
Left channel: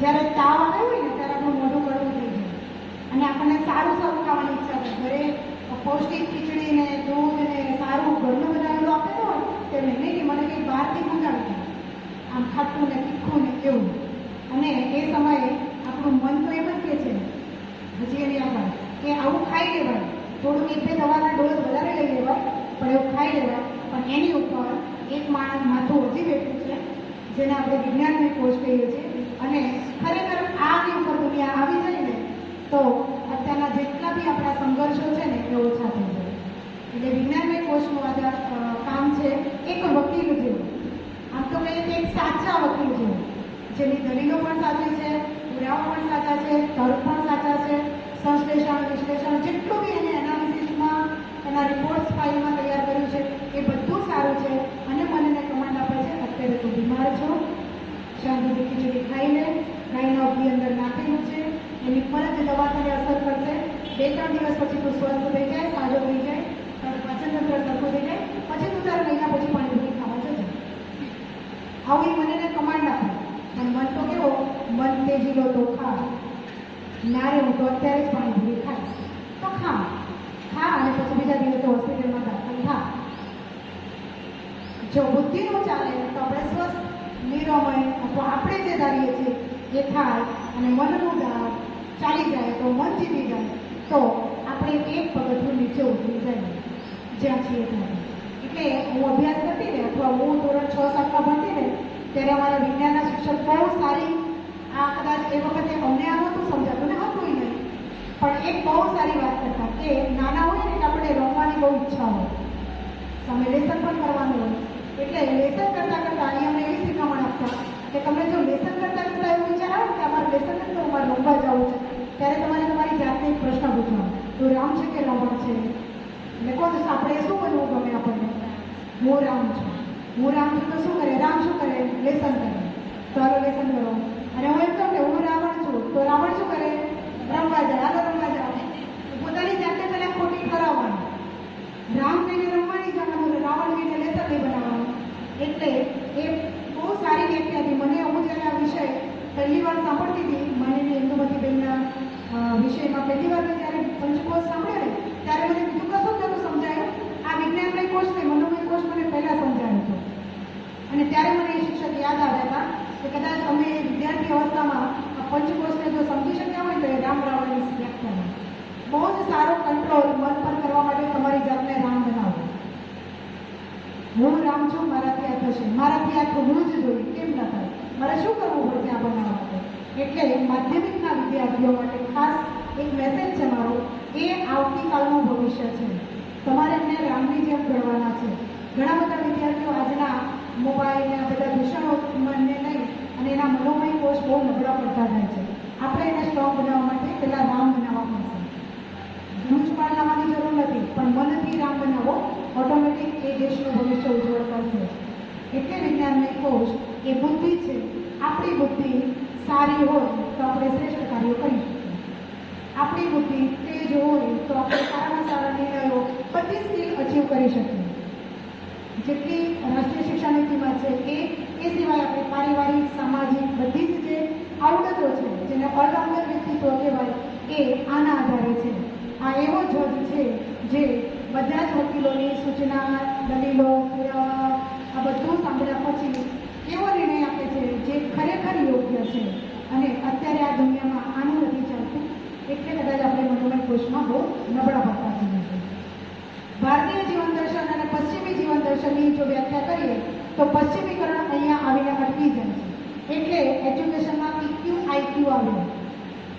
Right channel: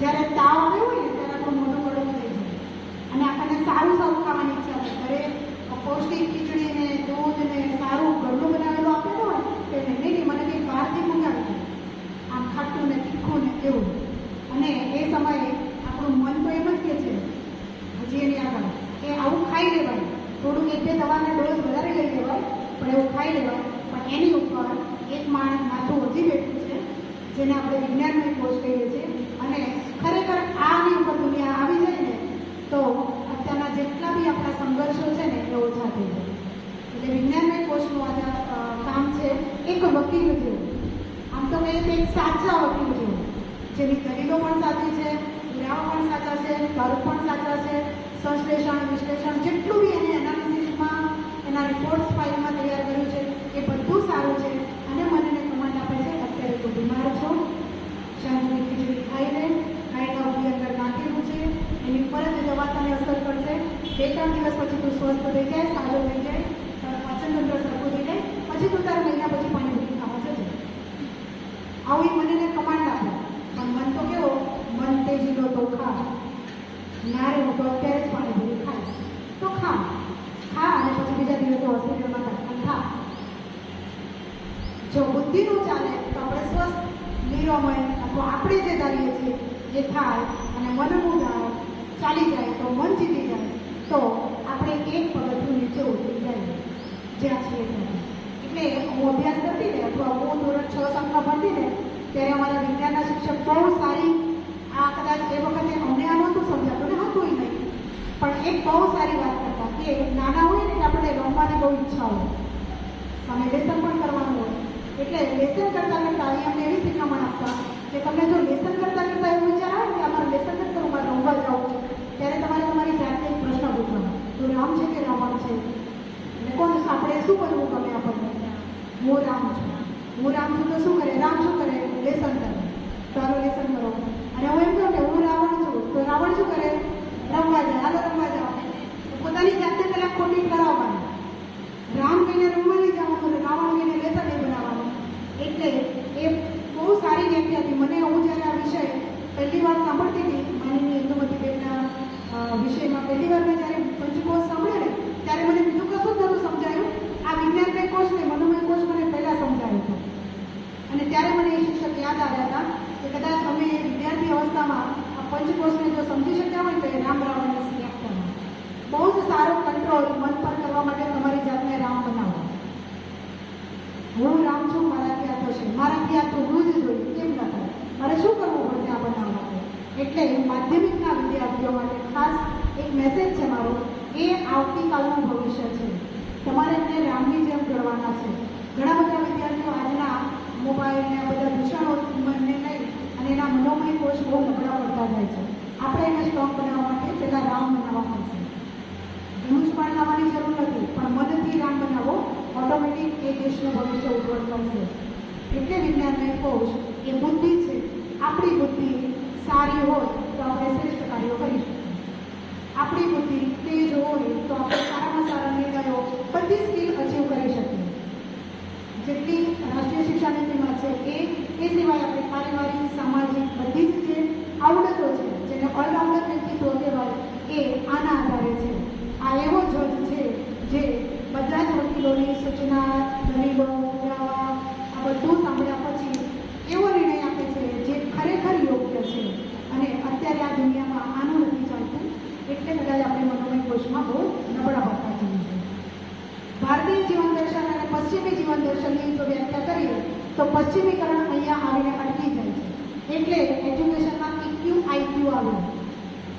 જ્યારે તાવ આવ્યો હોય ને ત્યારે આપણું મોઢું કડવું થઈ જાય અને આપણને સારું સારું ખાવાની ઈચ્છા થાય. ઘરે પૌષ્ટિક ખીચડી ને દૂધ ને સારું ઘરનું બનાવેલું આપેલું હોય તેમને નહીં મને કંઈક બહારથી મંગાવી દે, આમ ખાટું ને તીખું ને એવું. અને એ સમયે આપણું મન તો એમ જ કહે છે હજી એની આગળ કે આવું ખાઈ લેવાય, થોડુંક એક બે દવાના ડોઝ વધારે લઈ લેવાય પણ એવું ખાઈ લેવાય. પણ એની ઉપર એક માણસ માથું હજી બેઠું છે જેને આપણે વિજ્ઞાનની ખોજ કહીએ છીએ. અને ખરેખર આની ઉપર દુનિયા આવી જાય ને તો અત્યારના જેટલા બી આપણા સંઘર્ષો છે ને એ ઓછા થઈ જાય. એટલે વિજ્ઞાનની ખોજનું કામ છે એક વકીલ જેવું. આમ તો મેં એક સાચા વકીલ જેવું, જેની દલીલો પણ સાચી છે, પુરાવા પણ સાચા છે, તર્ક પણ સાચા છે, સંશ્લેષણ વિશ્લેષણ જેટલું બી એને એનાલિસિસમાં એના રિપોર્ટ્સ ફાઇલમાં તૈયાર કર્યું છે એ બધું સારું છે. અને મને કમાન્ડ આપે છે અત્યારે તું બીમાર છો, શાંતિથી ખીચડી ખાઈ લે, ખાઈને અબની અંદર નાખેલું છે, એની પર જ દવા તને અસર કરશે. 2-3 દિવસ પછી તું સ્વસ્થ થઈ જાય, સાજો થઈ જાય, તારું પાચન તંત્ર સરખું થઈ જાય, પછી તું તારા મહિના પછી પાણી ખાવા જજે. આવું એ મને કમાન્ડ આપે. પણ મન તો કેવો, મન તેજીલો તો ખા, નારે હું તો અત્યારે જ પાણીપુરી ખાઈશ તો ખા અને પછી બીજા દિવસે હોસ્પિટલમાં દાખલ થા. જો બુદ્ધિ નો ચાલે તો આપણે સ્વસ્થ નિરોમય અથવા આપણે જે ધારીએ છીએ એ થાય અને મનનું ચાલી જાય તો મન જીતી જાય તો આપણે એક પગથિયું નીચે ઉતરી જાય જ્યાં છીએ ત્યાં. એટલે હું અભ્યાસ કરતી ને અથવા હું ધોરણ 6-7માં ભણતી ને ત્યારે અમારા વિજ્ઞાનના શિક્ષક બહુ સારી, આ કદાચ એ વખતે અમને આ નહોતું સમજાતું ને હતું નહીં, પણ એક બહુ સારી વાત કરતા કે નાના હોય ને આપણે રમવાની બહુ ઈચ્છા હોય, સામે લેસન પણ કરવાનું હોય, એટલે લેસન કરતાં કરતાં અમને એવી શીખવણ આપતા કે તમે જો લેસન કરતાં કરતાં એવું વિચાર આવો કે અમારે લેસન કરતાં અમારે રમવા જવું છે ત્યારે તમારે તમારી જાતને એક પ્રશ્ન પૂછવાનો, તું રામ છે કે રાવણ છે? એટલે કોણ આપણે શું બનવું ગમે આપણને? હું રામ છું. હું રામ છું તો શું કરે? રામ શું કરે? લેસન કરે. તારો લેસન કરો. અને હું એમ કહું કે હું રાવણ છું તો રાવણ શું કરે? રમવા જાય. હાલો રમવા જાઓ. પોતાની જાતે પહેલાં ખોટી કરાવવાની. રામ કહીને રમવાની જવાનું, રાવણ કહીને લેસન નહીં બનાવવાનું. એટલે એ બહુ સારી વ્યક્તિ હતી. મને હું જ્યારે આ વિષય પહેલી વાર સાંભળતી હતી, મારી ઇન્દુમતીબેનના વિષયમાં પહેલી વાર મેં જ્યારે પંચકોશ સાંભળ્યા ને ત્યારે મને બીજું કશું જ નહોતું સમજાયું. આ વિજ્ઞાનમય કોષ ને મનોમય કોષ મને પહેલાં સમજાયું હતું. અને ત્યારે મને એ શિક્ષક યાદ આવ્યા હતા કે કદાચ તમે વિદ્યાર્થી અવસ્થામાં આ પંચકોષને જો સમજી શક્યા હોય તો એ રામ રાવણની વ્યાખ્યામાં બહુ જ સારો કંટ્રોલ મન પર કરવા માટે તમારી જાતને રામ બનાવો. હું રામ છું, મારાથી આ થશે, મારાથી આ થવું જ જોઈએ, કેમ ન થાય, મારે શું કરવું પડશે આ બનવા માટે? એટલે માધ્યમિકના વિદ્યાર્થીઓ માટે ખાસ એક મેસેજ છે મારો, એ આવતીકાલનું ભવિષ્ય છે. તમારે એમને રામની જેમ કરવાના છે. ઘણા બધા વિદ્યાર્થીઓ આજના મોબાઈલ ને બધા દૂષણોને લઈ અને એના મનોમય કોષ બહુ નબળા પડતા જાય છે. આપણે એને સ્ટ્રોંગ બનાવવા માટે પહેલાં રામ બનાવવા પડશે. ધનુષ પણ લાવવાની જરૂર નથી, પણ મનથી રામ બનાવો, ઓટોમેટિક એ દેશનું ભવિષ્ય ઉજ્જવળ કરશે. એટલે વિજ્ઞાનમય કોષ એ બુદ્ધિ છે. આપણી બુદ્ધિ સારી હોય તો આપણે શ્રેષ્ઠ કાર્યો કરી શકીએ. આપણી બુદ્ધિ તેજ હોય તો આપણે સારામાં સારા નિર્ણયો બધી સ્કીલ અચીવ કરી શકીએ. જેટલી રાષ્ટ્રીય શિક્ષણ નીતિમાં છે એ સિવાય આપણે પારિવારિક, સામાજિક બધી જ જે આવડતો છે જેને અલંગર વ્યક્તિત્વ કહેવાય એ આના આધારે છે. આ એવો જજ છે જે બધા જ વકીલોની સૂચના, દલીલો, પુરાવા આ બધું સાંભળ્યા પછી એવો નિર્ણય આપે છે જે ખરેખર યોગ્ય છે. અને અત્યારે આ દુનિયામાં આનું નથી ચાલતું, એટલે કદાચ આપણે મનોમય કોષમાં બહુ નબળા પડતા છીએ. ભારતીય જીવન દર્શન અને પશ્ચિમી જીવન દર્શનની જો વ્યાખ્યા કરીએ તો પશ્ચિમીકરણ અહીંયા આવીને અટકી જાય છે. એટલે એજ્યુકેશનમાં ઇક્યુ આઈક્યુ આવ્યો.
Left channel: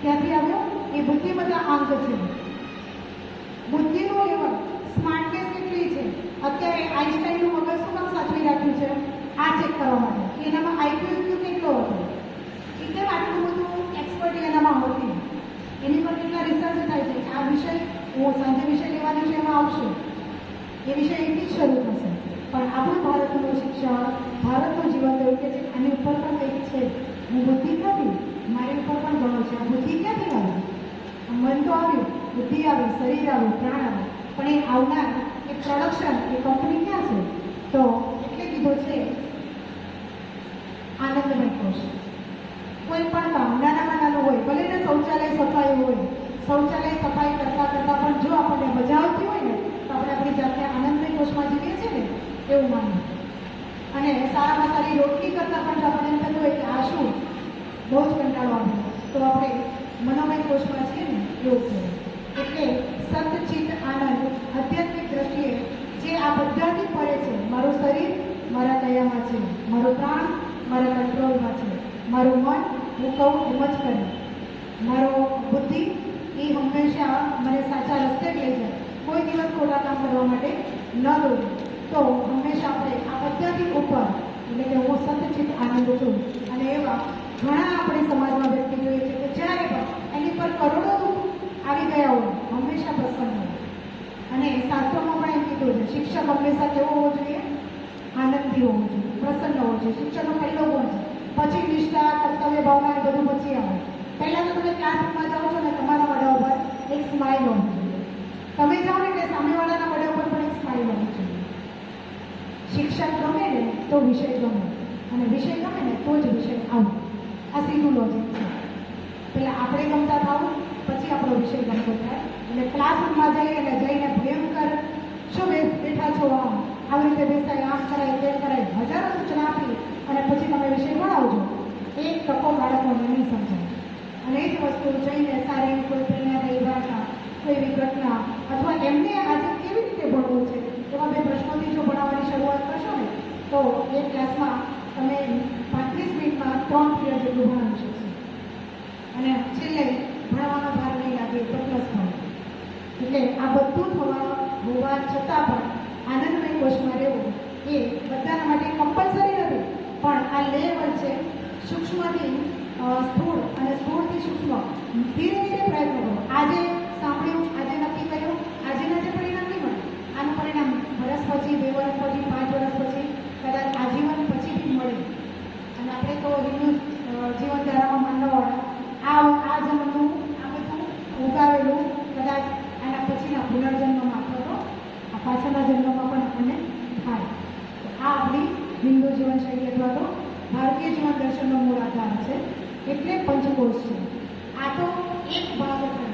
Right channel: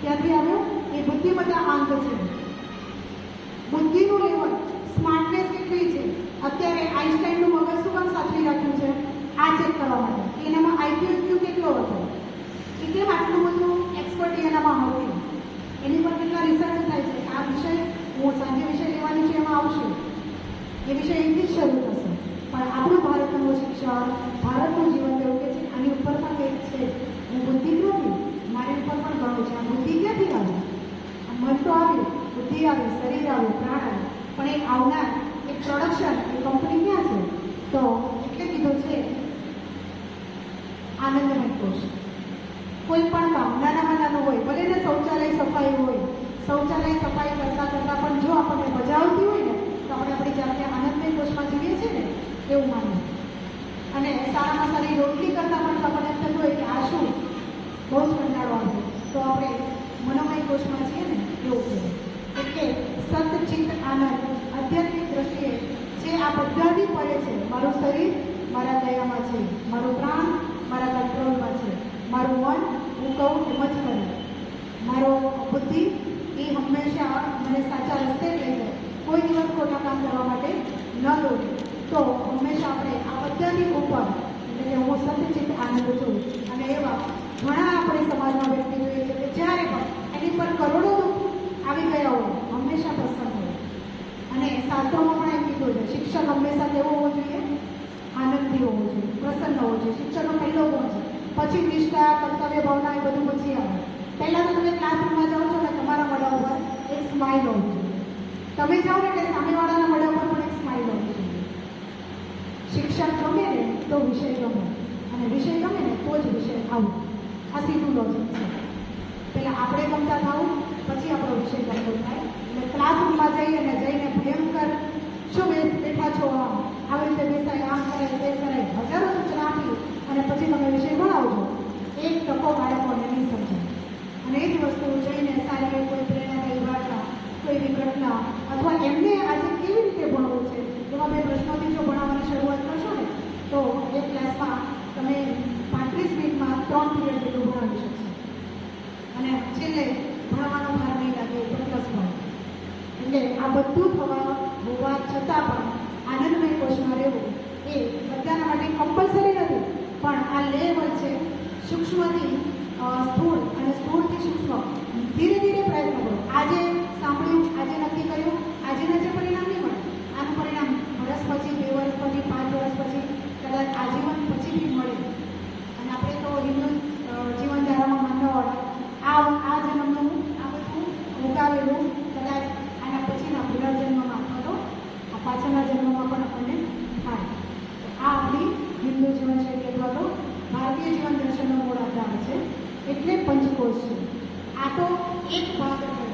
ક્યાંથી આવ્યો? એ બુદ્ધિમત્તા આંક છે. બુદ્ધિનું લેવલ, સ્માર્ટનેસ કેટલી છે? અત્યારે આઈન્સ્ટાઈનનું બહુ જ કંટાળો આવે તો આપણે મનોમય કોષમાં છીએ ને એવું કહેવાય. એટલે સતચિત આનંદ આધ્યાત્મિક દ્રષ્ટિએ જે આ બધાથી પરે છે, મારું શરીર મારા લયમાં છે, મારું પ્રાણ મારા કંટ્રોલમાં છે, મારું મન હું કહું એમ જ કરે, મારો બુદ્ધિ એ હંમેશા મને સાચા રસ્તે લઈ જાય, કોઈ દિવસ ખોટા કામ કરવા માટે ન દોરે. તો હંમેશા આપણે આ બધાથી ઉપર એટલે કે હું સતચિત આનંદ છું. અને એવા ઘણા આપણે સમાજમાં વ્યક્તિ જોઈએ છે કે જ્યારે પણ એની પર કરોડો દુઃખ આવી ગયા હોય હંમેશા પ્રસન્ન હોય. અને શાસ્ત્રોમાં પણ એમ કીધું છે શિક્ષણ હંમેશા કેવું હોવું જોઈએ? આનંદથી હોવું જોઈએ, પ્રસન્ન હોવું જોઈએ. શિક્ષણનો પહેલો ગુણ છે. પછી નિષ્ઠા, કર્તવ્ય ભાવના એ બધું પછી આવે. પહેલા તમે ક્લાસરૂમમાં જાઓ છો ને તમારા મોઢા ઉપર એક સ્માઇલ હોવી જોઈએ. તમે જાઓ ને એટલે સામેવાળાના મોઢા ઉપર પણ એક સ્માઇલ હોવી જોઈએ. શિક્ષણ ગમે ને તો વિષય ગમે, અને વિષય ગમે ને તો જ વિષય આવું. આ સીધું લોજિક છે. પહેલાં આપણે ગમતા થવું, પછી આપણો વિષય ગમતો થાય. અને ક્લાસરૂમમાં જઈને ભયંકર શું બેઠા છો આમ આવી રીતે બેસાય, આમ કરાય તેમ કરાય હજારો સૂચના આપી અને પછી તમે વિષય ભણાવજો, એક તકો બાળકોને નહીં સમજાય. અને એ જ વસ્તુ જઈને સારી કોઈ પ્રેરણા થઈ વાર્તા, કોઈ એવી ઘટના અથવા એમને આજે કેવી રીતે ભણવું છે એવા બે પ્રશ્નોથી જો ભણાવવાની શરૂઆત કરશો ને તો એક ક્લાસમાં તમે 35 મિનિટમાં 3 પીરિયડ જેટલું ભણાવી શકશો. અને છેલ્લે ભણવાનો ભાર નહીં લાગે એટલે પ્લસ ભણે. એટલે આ બધું થવાનું હોવા છતાં પણ આનંદમય કોષમાં રહેવું એ બધાના માટે કમ્પલસરી નથી. પણ આ લેયર વચ્ચે સૂક્ષ્મથી સ્થૂળ અને સ્થૂળથી સૂક્ષ્મ ધીરે ધીરે પ્રયત્ન કરો. આજે સાંભળ્યું, આજે નક્કી કર્યું, આજેના જે પરિણામ નહીં મળે, આનું પરિણામ વર્ષ પછી, 2 વર્ષ પછી, 5 વર્ષ પછી, કદાચ આજીવન પછી બી મળે. અને આપણે તો હિન્દુ જીવન ધારામાં માનવાવાળા આ જન્મનું આ બધું ઉગાવેલું કદાચ આના પછીના પુનર્જન્મમાં અથવા તો પાછળના જન્મમાં પણ આપણને થાય. આ આપણી હિન્દુ જીવનશૈલી અથવા તો ભારતીય જીવન દર્શનનો મૂળ આધાર છે. એટલે પંચકોશ છે. આ તો એક ભાગ છે.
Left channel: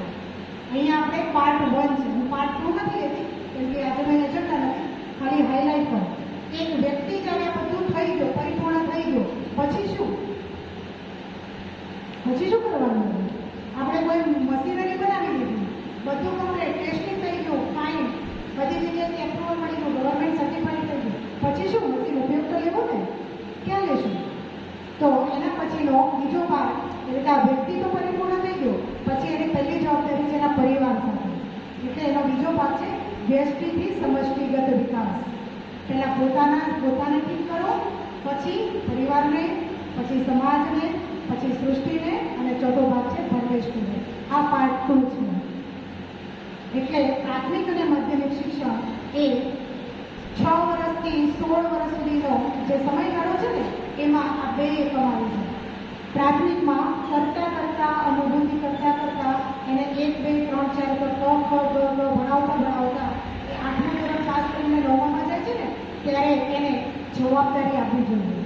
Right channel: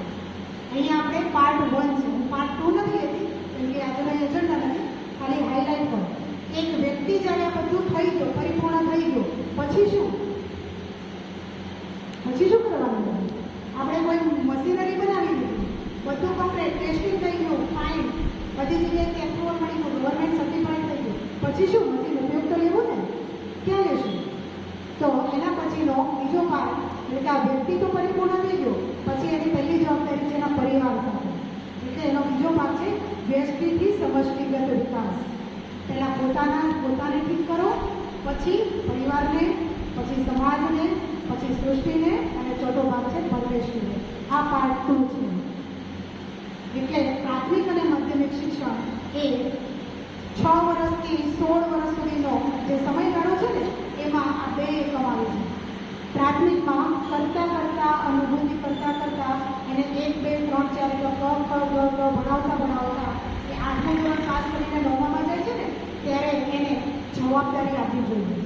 અહીંયા આપણે પાર્ટ 1 છે, હું પાર્ટ 2 નથી લેતી કેમ કે આ તમે એજન્ડા નથી, ખાલી હાઇલાઇટ કરો. એક વ્યક્તિ જ્યારે બધું થઈ ગયો, પરિપૂર્ણ થઈ ગયો, પછી શું? પછી શું કરવાનું? આપણે કોઈ મશીનરી બનાવી નથી, બધું કમ્પ્લીટ, ટેસ્ટિંગ થઈ ગયું, ફાઇન, બધી જગ્યાએ એપ્રુવલ મળી ગયું, ગવર્મેન્ટ સર્ટિફાઈડ થઈ ગયું, પછી શું? મશીન ઉપયોગ તો લેવો ને, ક્યાં લેશું? તો એના પછીનો બીજો ભાગ એટલે આ વ્યક્તિ તો પરિપૂર્ણ થઈ ગયો, પછી એની પહેલી જવાબદારી છે એના પરિવાર સાથે. એટલે એનો બીજો ભાગ છે વ્યષ્ટિથી સમષ્ટિગત વિકાસ. પહેલાં પોતાને ઠીક કરો, પછી પરિવારને, પછી સમાજને, પછી સૃષ્ટિને, અને ચોથો ભાગ છે પરમેશ્વરને. આ પાર્ટ 2 છે. એટલે પ્રાથમિક અને માધ્યમિક શિક્ષણ એ 6 વર્ષથી 16 વર્ષ સુધીનો જે સમયગાળો છે ને એમાં આ બે એકમ આવે છે. પ્રાથમિકમાં કરતા અનુભૂતિ કરતા એને 1, 2, 3, 4 ભણાવતા એ 8મું ધોરણ પાસ કરીને 9માં જાય છે ને ત્યારે એને જવાબદારી આપવી જોઈએ,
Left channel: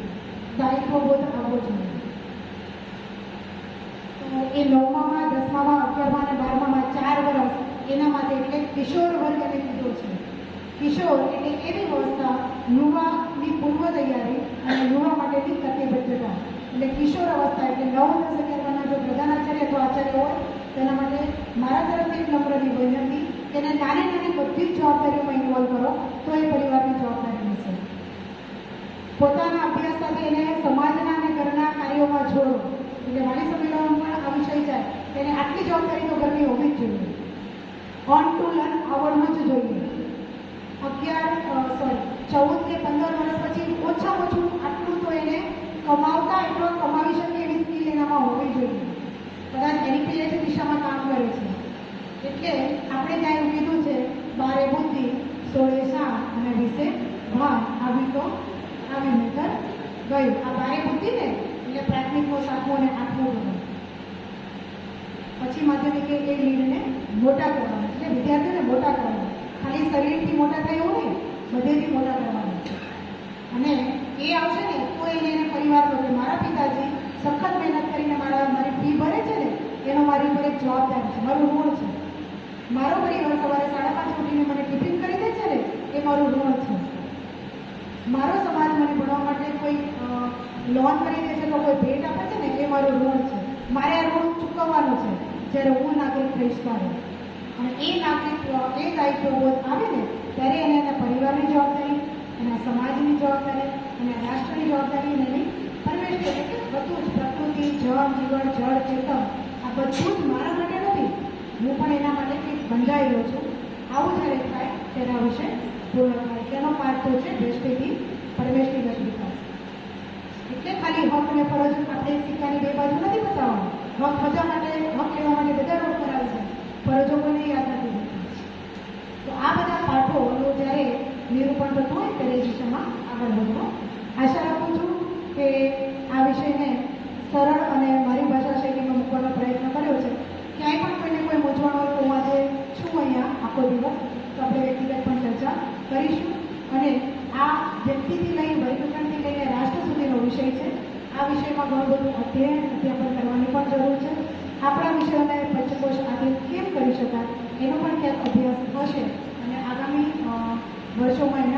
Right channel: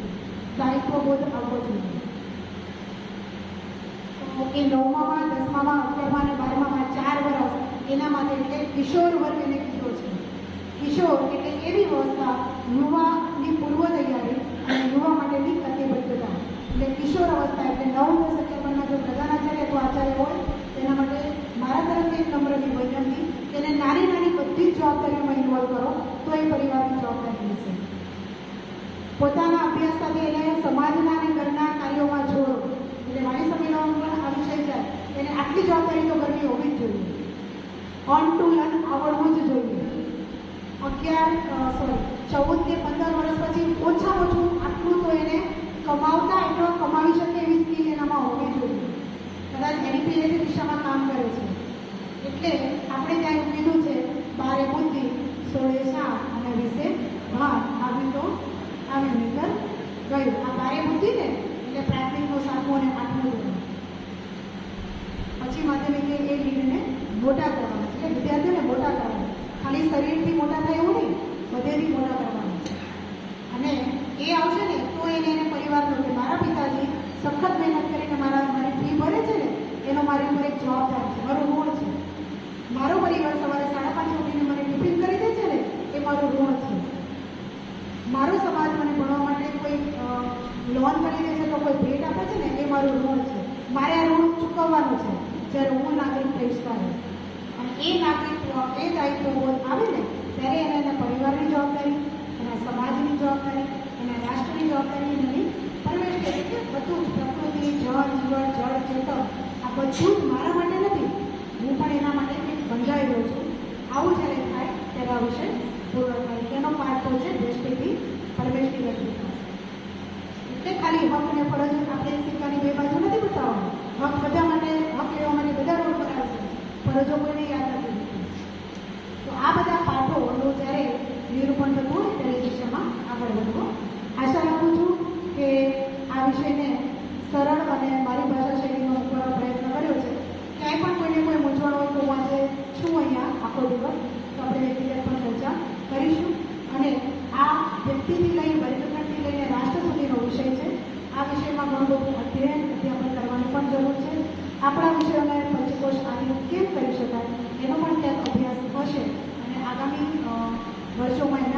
દાયિત્વબોધ આવવો જોઈએ. તો એ 9માં, 10માં, 11માં અને 12માં 4 વર્ષ એના માટે એટલે કિશોર વર્ગ એને કીધો છે. કિશોર એટલે એવી અવસ્થા યુવાની પૂર્વ તૈયારી અને યુવા માટેની પ્રતિબદ્ધતા. એટલે કિશોર અવસ્થા એટલે નવું થશે કે તમે જો પ્રધાનાચાર્ય તો આચાર્ય હોય તેના માટે મારા તરફથી એક નમ્રની વિનંતી, તેને નાની બધી જ જવાબદારીઓમાં ઇન્વોલ્વ કરો તો એ પરિવારની જવાબદારી હશે. પોતાના અભ્યાસ સાથે એને સમાજના અને ઘરના કાર્યોમાં જોડો. એટલે મારી સમયનો આ વિષય છે એને આટલી જવાબદારી તો ઘરની હોવી જ જોઈએ. ઓન ટુ લર્ન આવડવું જ જોઈએ. 14 કે 15 વર્ષ પછી ઓછામાં ઓછું આટલું તો એને કમાવતા એટલો કમાવી શકે એવી સ્કિલ એનામાં હોવી જોઈએ. કદાચ એનપીએ જે દિશામાં કામ કરે છે. એટલે આપણે ત્યાં કીધું છે 12 બુદ્ધિ 16 શાહ અને 20 ભાન આવી તો આવી નહીતર ગયું. આ 12 બુદ્ધિ ને એટલે પ્રાથમિકનો 7મો અને 8મો ધોરણ. પછી માધ્યમિક એ નિર્ણય મોટા કરવાના એટલે વિદ્યાર્થીઓને મોટા કરવાના. ખાલી શરીરથી મોટા થાય એવું નહીં, બધેથી મોટા કરવાના છે. અને એ આવશે ને તો એને પરિવાર પ્રત્યે મારા પિતાજી સખત મહેનત કરીને મારી ફી ભરે છે ને એનો મારી ઉપર એક જવાબદારી છે, મારું ઋણ છે. મારો પરિવાર સવારે 5:30 ઉઠીને મને ટિફિન કરી દે છે ને એ મારું ઋણ છે. મારો સમાજ મને ભણવા માટે કોઈ લોન કરી દે છે તો કોઈ ભેટ આપે છે ને એ મારું ઋણ છે. વર્ષોમાં